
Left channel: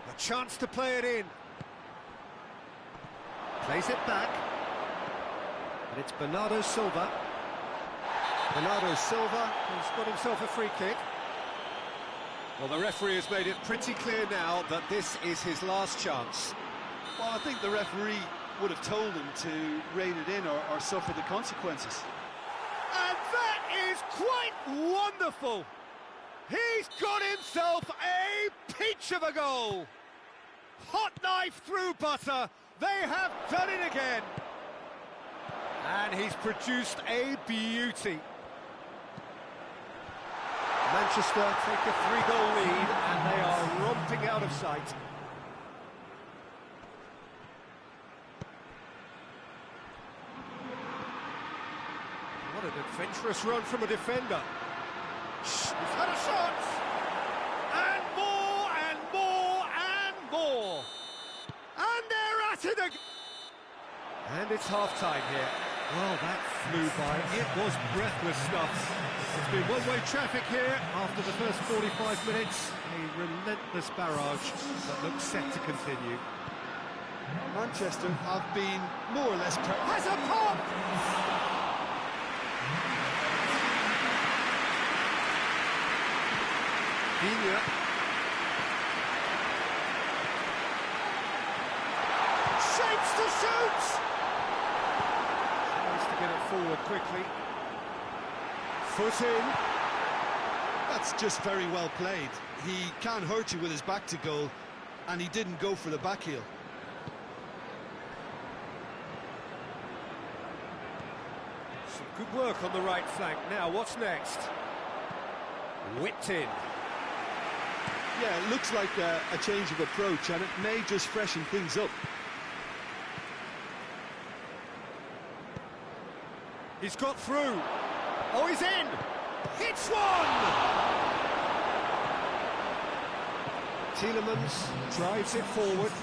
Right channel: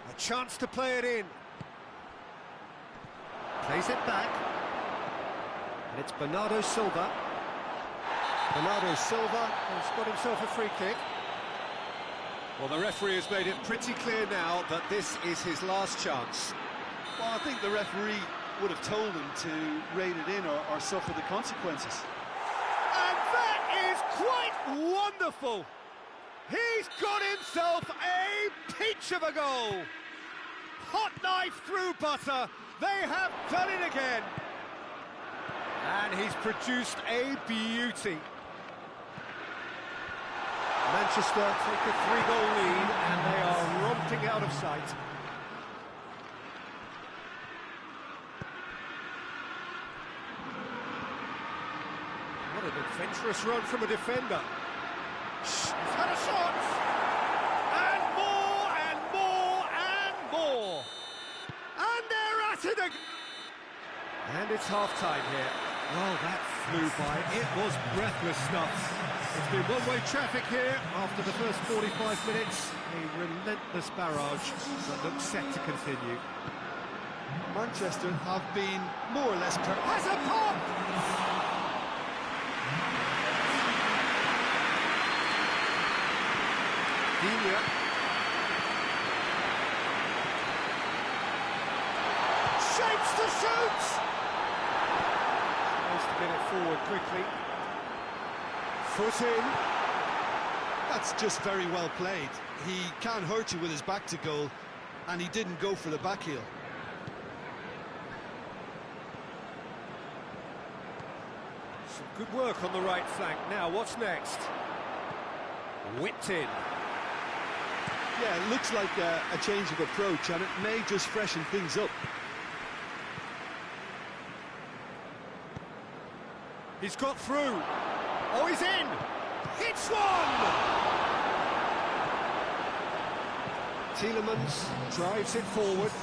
A chance to play it in. Plays it back. And it's Bernardo Silva. Bernardo Silva has got himself a free kick. Well, the referee has made it pretty clear now that this is his last chance. Well, I think the referee would have told him to rein it in or suffer the consequences. And that is quite wonderful. He's got himself a peach of a goal. Hot knife through butter. They have done it again. And he's produced a beauty. Manchester take a 3-goal lead and they are romping out of sight. What an adventurous run from a defender. He's had a shot! And more, and more, and more! And they're at it again! And it's half-time here. Well, that flew by. It was breathless stuff. It's been one-way traffic here after the first 45 minutes. A relentless barrage that looks set to continue. Manchester have been more or less... Has a pop! Dina. Shapes to shoot! Tries to get it forward quickly. Foot in. That's just very well played. He can hurt you with his back to goal, and he didn't go for the back heel. Some good work on the right flank. Now, what's next? Whipped in. Yeah, it looks like a change of approach, and it may just freshen things up. He's got through. Oh, he's in! Hits one! Tielemans drives it forward.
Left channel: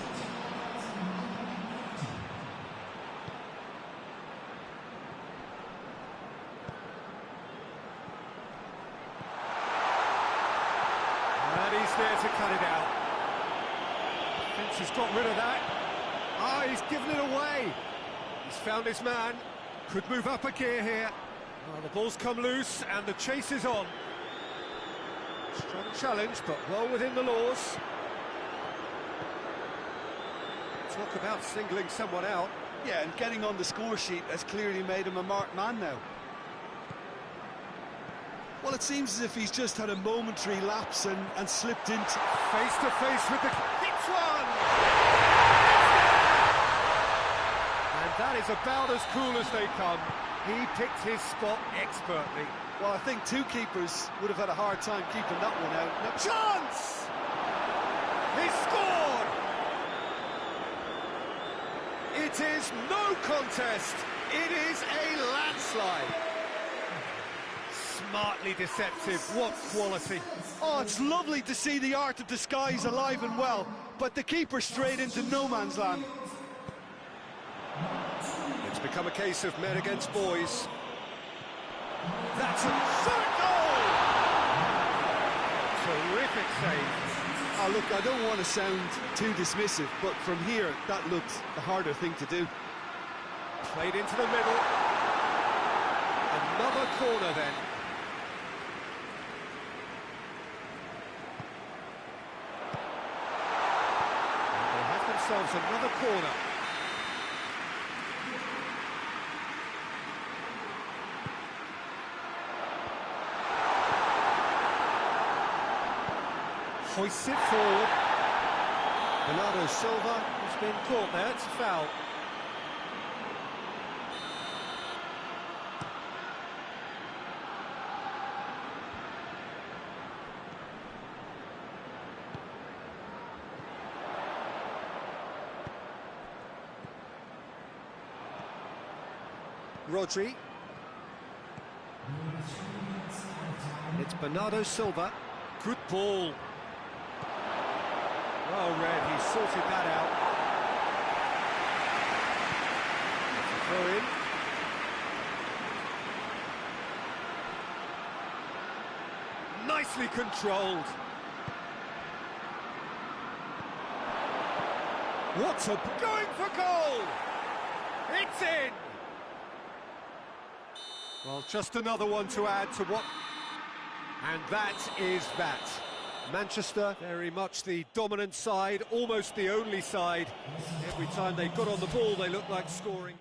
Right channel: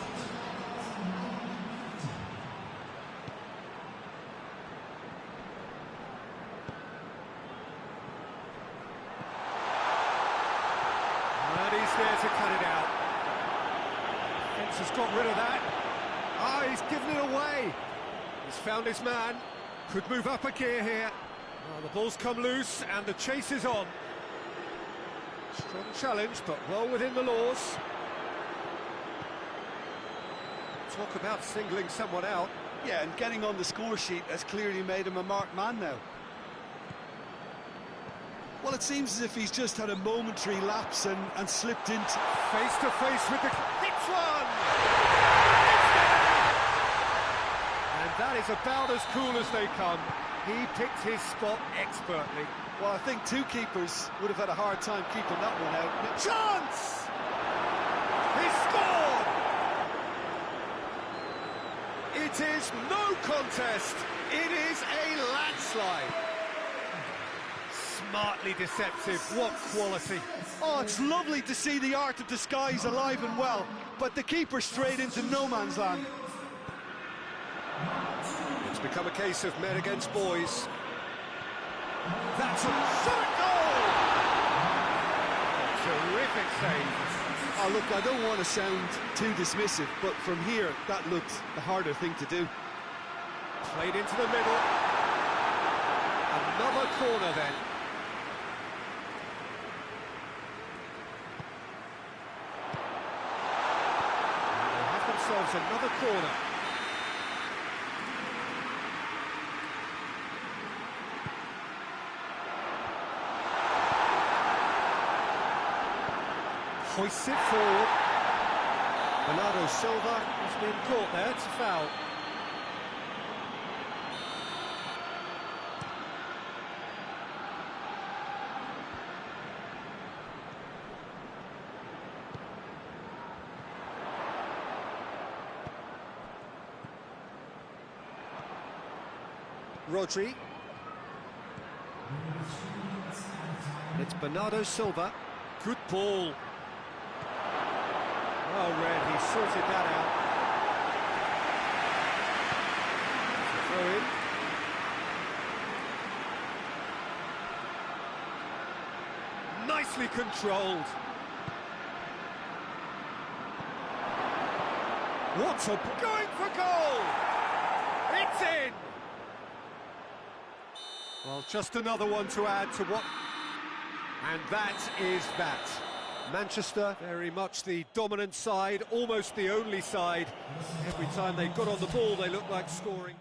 And he's there to cut it out. Defence has got rid of that. Ah, he's given it away. He's found his man. Could move up a gear here. The ball's come loose and the chase is on. Strong challenge, but well within the laws. Talk about singling someone out. Yeah, and getting on the score sheet has clearly made him a marked man now. Well, it seems as if he's just had a momentary lapse and slipped into... Face to face with the... Hits one! And that is about as cool as they come. He picked his spot expertly. Well, I think two keepers would have had a hard time keeping that one out. No. Chance! He scored! It is no contest. It is a landslide. Smartly deceptive. What quality. Oh, it's lovely to see the art of disguise alive and well, but the keeper straight into no man's land. It's become a case of men against boys. That's a shot goal! A terrific save. Oh, look, I don't want to sound too dismissive, but from here, that looked the harder thing to do. Played into the middle. Another corner then. And they have themselves another corner. Hoists it forward. Bernardo Silva has been caught there, it's a foul. Rodri. It's Bernardo Silva. Good ball. Well read, he sorted that out. Throw in. Nicely controlled. What a... Going for goal! It's in! Well, just another one to add to what... And that is that. Manchester, very much the dominant side, almost the only side. Every time they got on the ball, they looked like scoring.